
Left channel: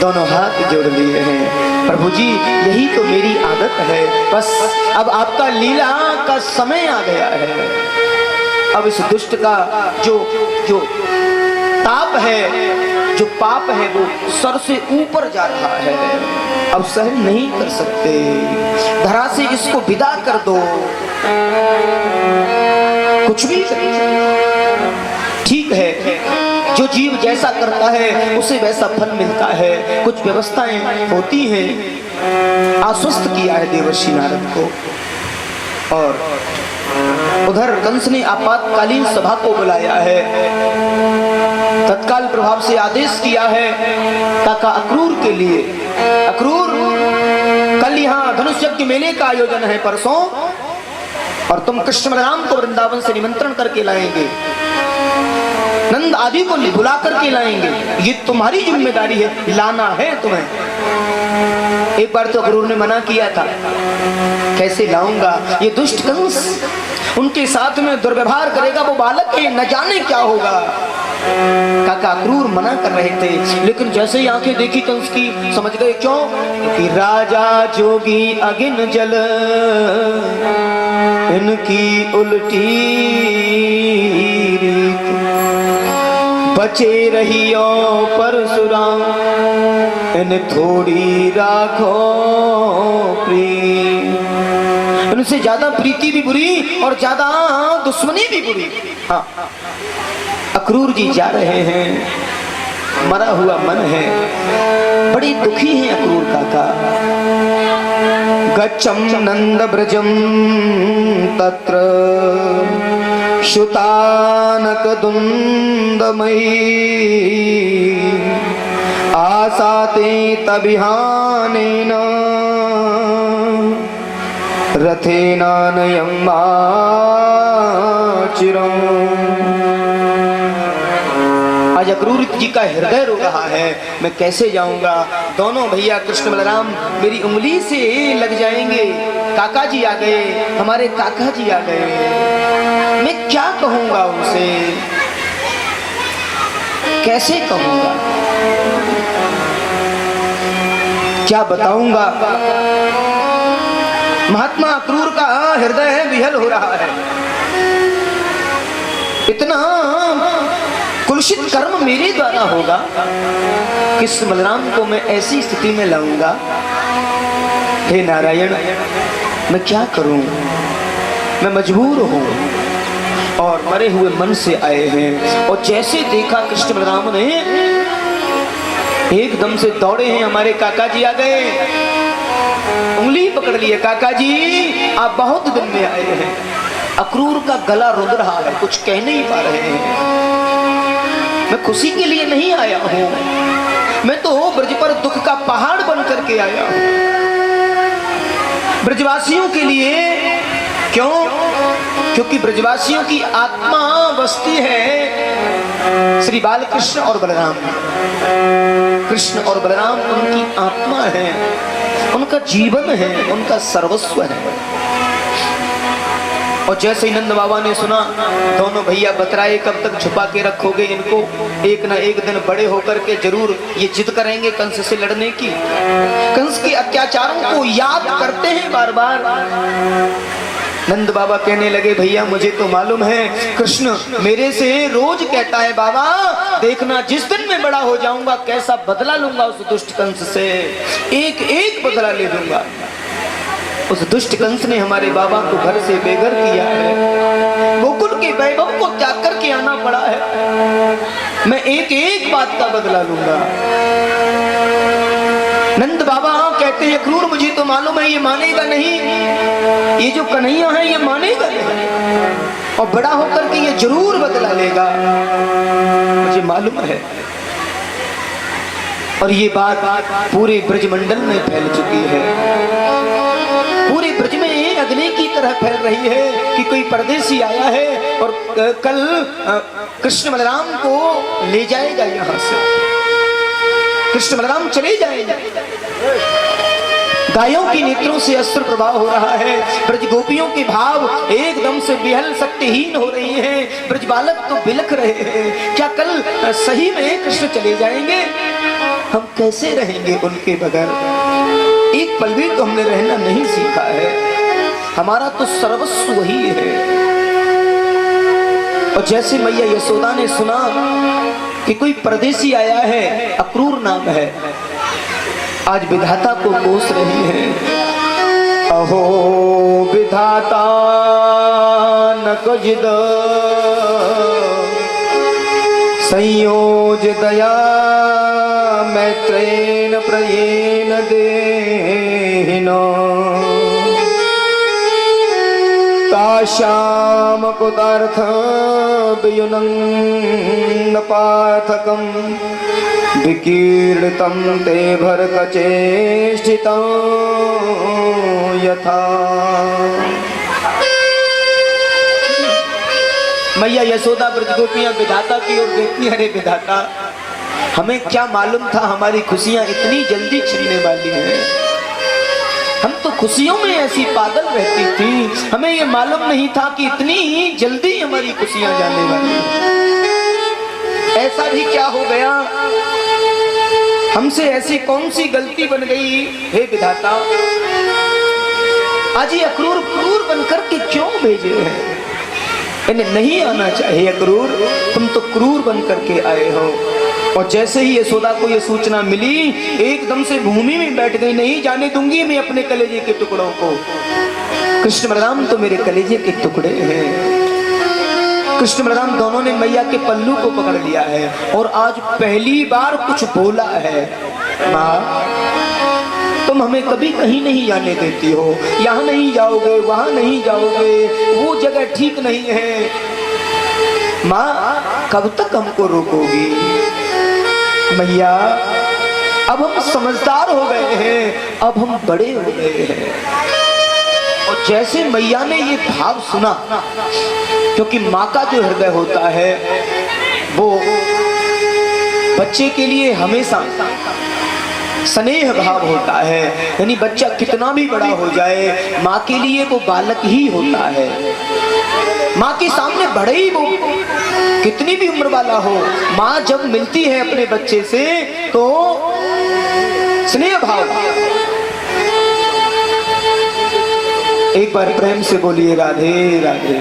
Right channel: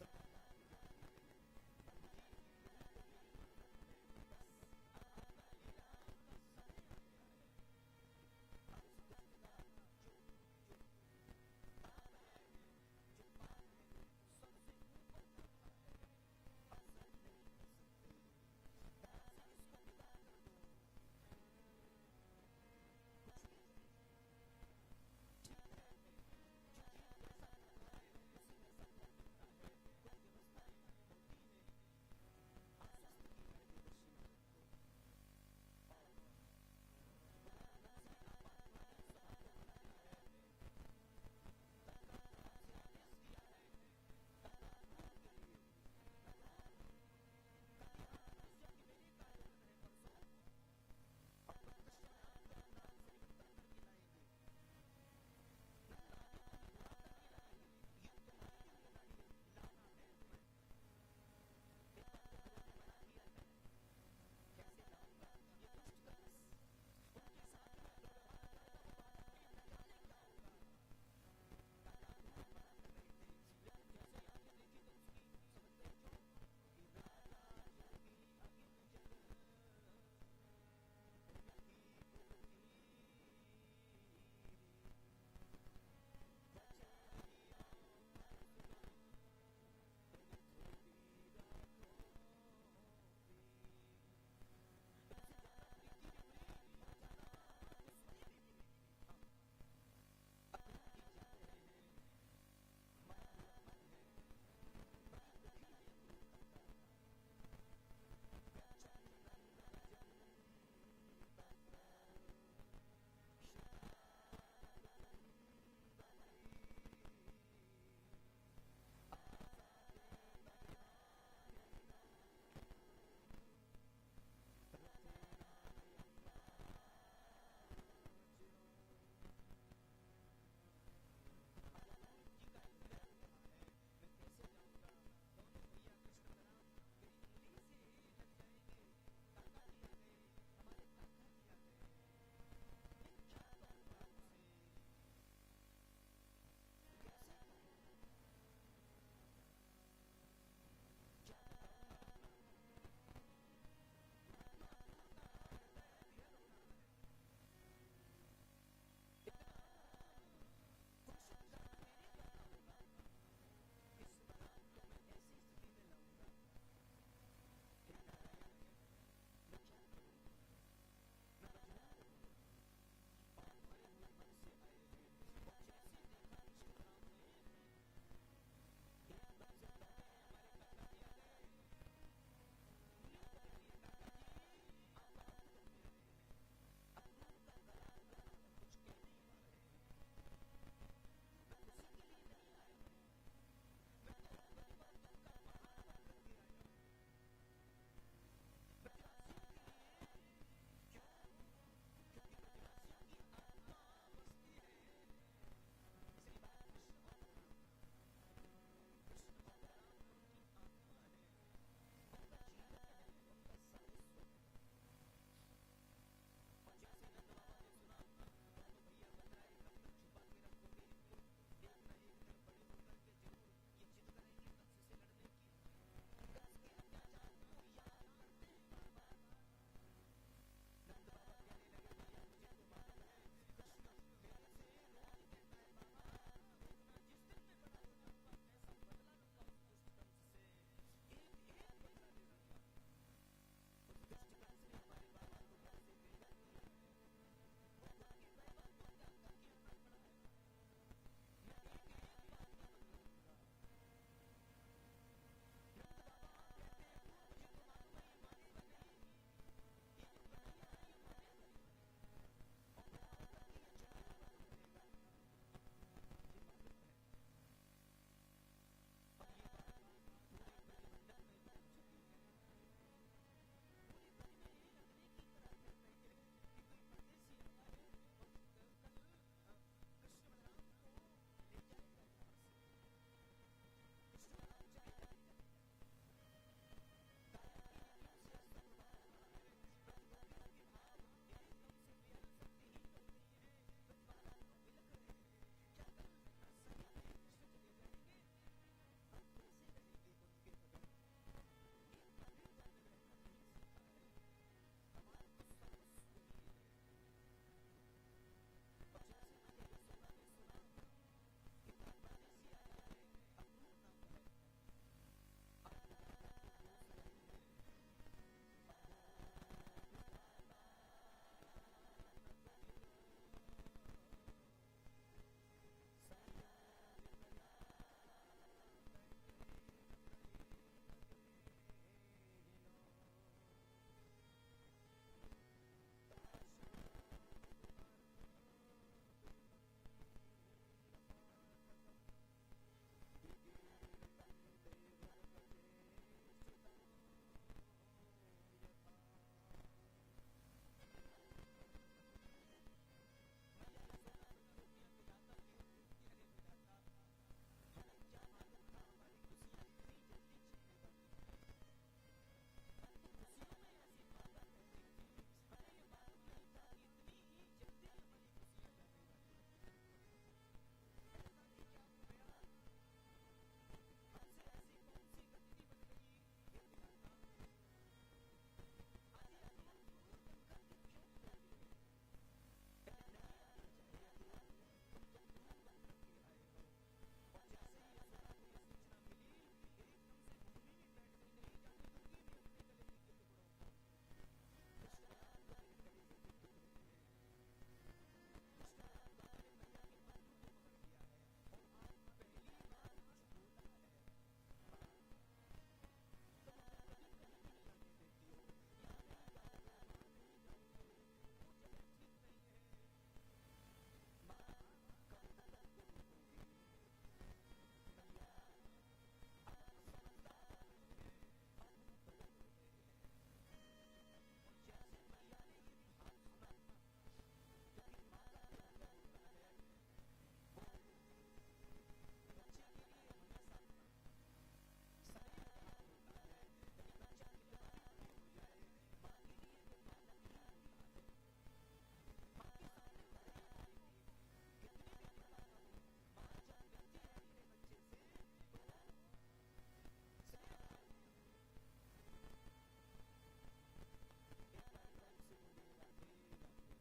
दोनों हाथ जोड़ लिए हैं। प्रभु जी यही तो मेरी आदत है, बस अब आपका लीला का समय आ गया है। अब इस दुष्ट का जो ताप है, जो पाप है वो सर से ऊपर जा रहा है, अब सहन नहीं कर सकते, धरा से इसको विदा कर दो। कुछ भी ठीक है, जो जीव जैसा करता है उसे वैसा फल मिलता है, कुछ व्यवस्थाएं होती हैं। आश्वस्त किया है देवर्षि नारद को। और उधर कंस ने आपातकालीन सभा को बुलाया है, तत्काल प्रभाव से आदेश किया है काका अक्रूर के लिए, अक्रूर कल यहाँ धनुष यज्ञ मेले का आयोजन है परसों, और तुम कृष्ण बलराम को वृंदावन से निमंत्रण करके लाएंगे, नंद आदि को बुला करके लाएंगे, ये तुम्हारी जिम्मेदारी है, लाना है तुम्हें। एक बार तो अक्रूर ने मना किया था, कैसे लाऊंगा, ये दुष्ट कंस उनके साथ में दुर्व्यवहार करेगा, वो बालक के न जाने क्या होगा। काका अक्रूर मना कर रहे थे, लेकिन जैसे ही आंखें देखी कंस की, समझ गए क्यों? कि राजा जोगी अगिन जल, इनकी उल्टी रीत, बचे रहियो परशुराम, इन थोड़ी राखो प्रीत। इनसे ज्यादा प्रीति भी बुरी और ज्यादा दुश्मनी भी बुरी। हाँ, अक्रूर जी जा रहे हैं, मरा हुआ मन है, बड़ी दुखी है अक्रूर काका। गच्छम नंद ब्रजम तत्र शुतानक दुंदमयी, आसाते तबिहानेन रथेनानयं चिरम्। आज अक्रूर जी का हृदय रो रहा है, मैं कैसे जाऊंगा? दोनों भैया कृष्ण बलराम मेरी उंगली से लग जाएंगे। काका जी आ गए, हमारे काका जी आ गए, मैं क्या कहूंगा उनसे, कैसे कहूंगा, क्या बताऊंगा? महात्मा अक्रूर का हृदय विहल हो रहा है। इतना कुलुषित कर्म मेरे द्वारा होगा, कृष्ण बलराम को मैं ऐसी स्थिति में लाऊंगा? हे नारायण, मैं क्या करूं? मैं मजबूर हूं और मरे हुए मन से आए हैं। और जैसे देखा कृष्ण बलराम ने, एकदम से दौड़े हैं, हमारे काका जी आ गए, उंगली पकड़ लिए। काका जी, आप बहुत दिन में आए हैं। अक्रूर का गला रुंध रहा है, कुछ कह नहीं पा रहे हैं। मैं खुशी के लिए नहीं आया हूं, मैं तो ब्रज पर दुख का पहाड़ बन करके आया हूं, ब्रजवासियों के लिए। क्यों? क्योंकि ब्रजवासियों की आत्मा बसती है श्री बालकृष्ण और बलराम। कृष्ण और बलराम उनकी आत्मा है, उनका जीवन है, उनका सर्वस्व है। और जैसे ही नंद बाबा ने सुना, दोनों भैया बतराए, कब तक छुपा के रखोगे इनको? एक ना एक दिन बड़े होकर के जरूर ये जिद करेंगे कंस से लड़ने की। कंस के अत्याचारों को याद करते हैं बार बार। नंद बाबा कहने लगे, भैया मुझे तो मालूम है, कृष्ण मेरे से रोज कहता है, बाबा देखना जिस दिन मैं बड़ा हो जाऊंगा कैसा बदला लूंगा उस दुष्ट कंस से, एक एक बदला ले लूंगा। उस दुष्ट कंस ने हमारे बाबा को घर से बेघर किया है, गोकुल के वैभव को त्याग करके आना पड़ा है, मैं एक एक बात का बदला लूंगा। नंद बाबा कहते हैं, अक्रूर मुझे तो मालूम है ये मानेगा नहीं, ये जो कन्हैया है ये मानेगा नहीं, और बड़ा होकर के ये जरूर बदला लेगा, मुझे मालूम है। और ये बात पूरे ब्रजमंडल में फैल चुकी है, पूरे ब्रज में अग्नि की तरह फैल रही है कि कोई परदेसी आया है और कल कृष्ण बलराम को ले जाएगा यहां से, कृष्ण बलराम चले जाएंगे। गायों की नेत्रों से अश्रु प्रवाह हो रहा है, ब्रज गोपियों के भाव एकदम से बेहल शक्तिहीन हो रही हैं, ब्रज बालक तो बिलख रहे हैं। क्या कल सही में कृष्ण चले जाएंगे? हम कैसे रहेंगे उनके बगैर? एक पल भी तो हमने रहना नहीं सीखा है, हमारा तो सर्वस्व वही है। और जैसे मैया यशोदा ने सुना कि कोई परदेसी आया है, अक्रूर नाम है, आज विधाता को कोस रही है। अहो विधाता न कुजिद संयोज दया मैत्रेन प्रयेन देहिनो ताश्याम कुतार्थ वियुनं पार्थकं विकीर्णितं ते भरकचेष्टितं यथा। मैया यशोदा ब्रज गोपियां विधाता की ओर देखती, अरे विधाता हमें क्या मालूम था हमारी खुशियां इतनी जल्दी छिनने वाली हैं। हम तो खुशियों में ऐसी पागल रहती थी, हमें ये मालूम नहीं था कि इतनी ही जल्दी हमारी खुशियां जाने वाली हैं। ऐसा भी क्या हो गया, हमसे ऐसी कौन सी गलती बन गई, हे विधाता, आज ये अक्रूर क्रूर बनकर के क्यों भेजे हैं? इन्हें नहीं आना चाहिए अक्रूर, तुम तो क्रूर बनकर के आए हो। और जैसे ही यशोदा को ये सूचना मिली, एकदम से भूमि में बैठ गई, नहीं जाने दूंगी मैं अपने कलेजे के टुकड़ों को। कृष्ण बलराम तो मेरे कलेजे के टुकड़े हैं। कृष्ण बलराम दोनों ने मैया के पल्लू को पकड़ लिया है और आज पहली बार कुछ बोला है, माँ तुम हमें कभी कहीं नहीं जाने देती हो, यहाँ नहीं जाओगे, वहां नहीं जाओगे, वो जगह ठीक नहीं है। माँ कब तक हमको रोकोगी? मैया अब हम समझदार हो गए हैं, अब हम बड़े हो गए हैं। और जैसे मैया ने ये भाव सुना, क्योंकि माँ का जो हृदय होता है वो बच्चे के लिए हमेशा स्नेह भाव होता है, यानी बच्चा कितना भी बड़ा हो जाए माँ के लिए वो बालक ही होता है। माँ के सामने बड़े ही वो कितनी भी उम्र वाला हो, माँ जब मिलती है अपने बच्चे से तो स्नेह भाव। एक बार प्रेम से बोलिए राधे राधे।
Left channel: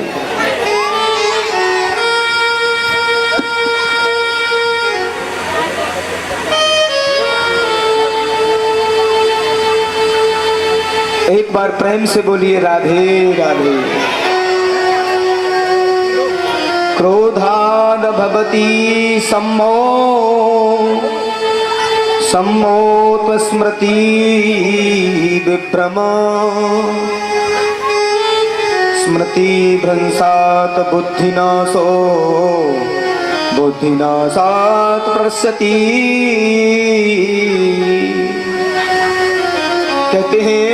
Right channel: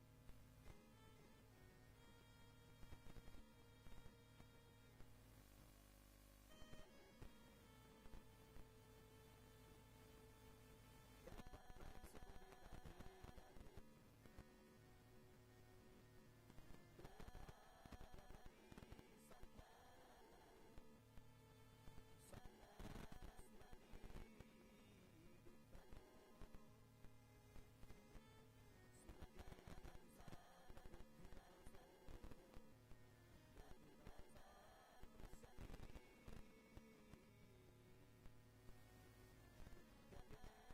एक बार प्रेम से बोलिए राधे राधे। क्रोधाद भवति सम्मो सम्मोत स्मृति विभ्रम स्मृति भ्रंसात बुद्धिनाशो बुद्धिनाशात प्रस्यति। कहते हैं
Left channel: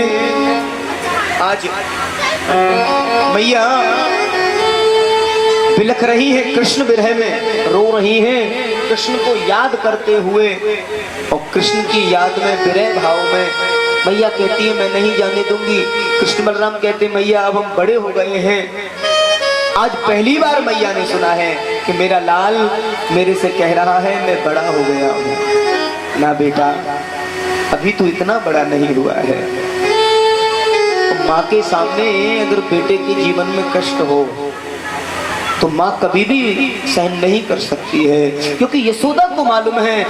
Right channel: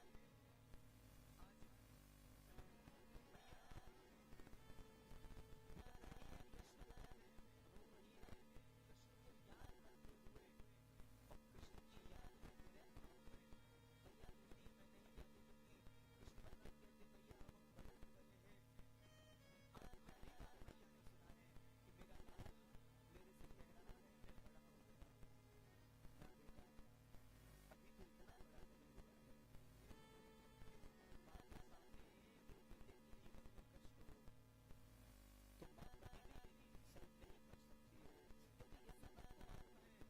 आज मैया बिलख रही है, कृष्ण विरह में रो रही हैं, कृष्ण को याद करते हुए, और कृष्ण की याद में विरह भाव में मैया कहती है मैं नहीं जाने दूंगी। कृष्ण बलराम कहते मैया अब हम बड़े हो गए हैं। आज पहली बार मैया ने सुना है कि मेरा लाल मेरे से कह रहा है मैं बड़ा हो गया हूं। ना बेटा अभी तो इतना बड़ा नहीं हुआ है। माँ के सामने अगर बेटे के जीवन में कष्ट हो तो माँ कभी भी सहन नहीं कर सकती है, क्योंकि यशोदा को मालूम है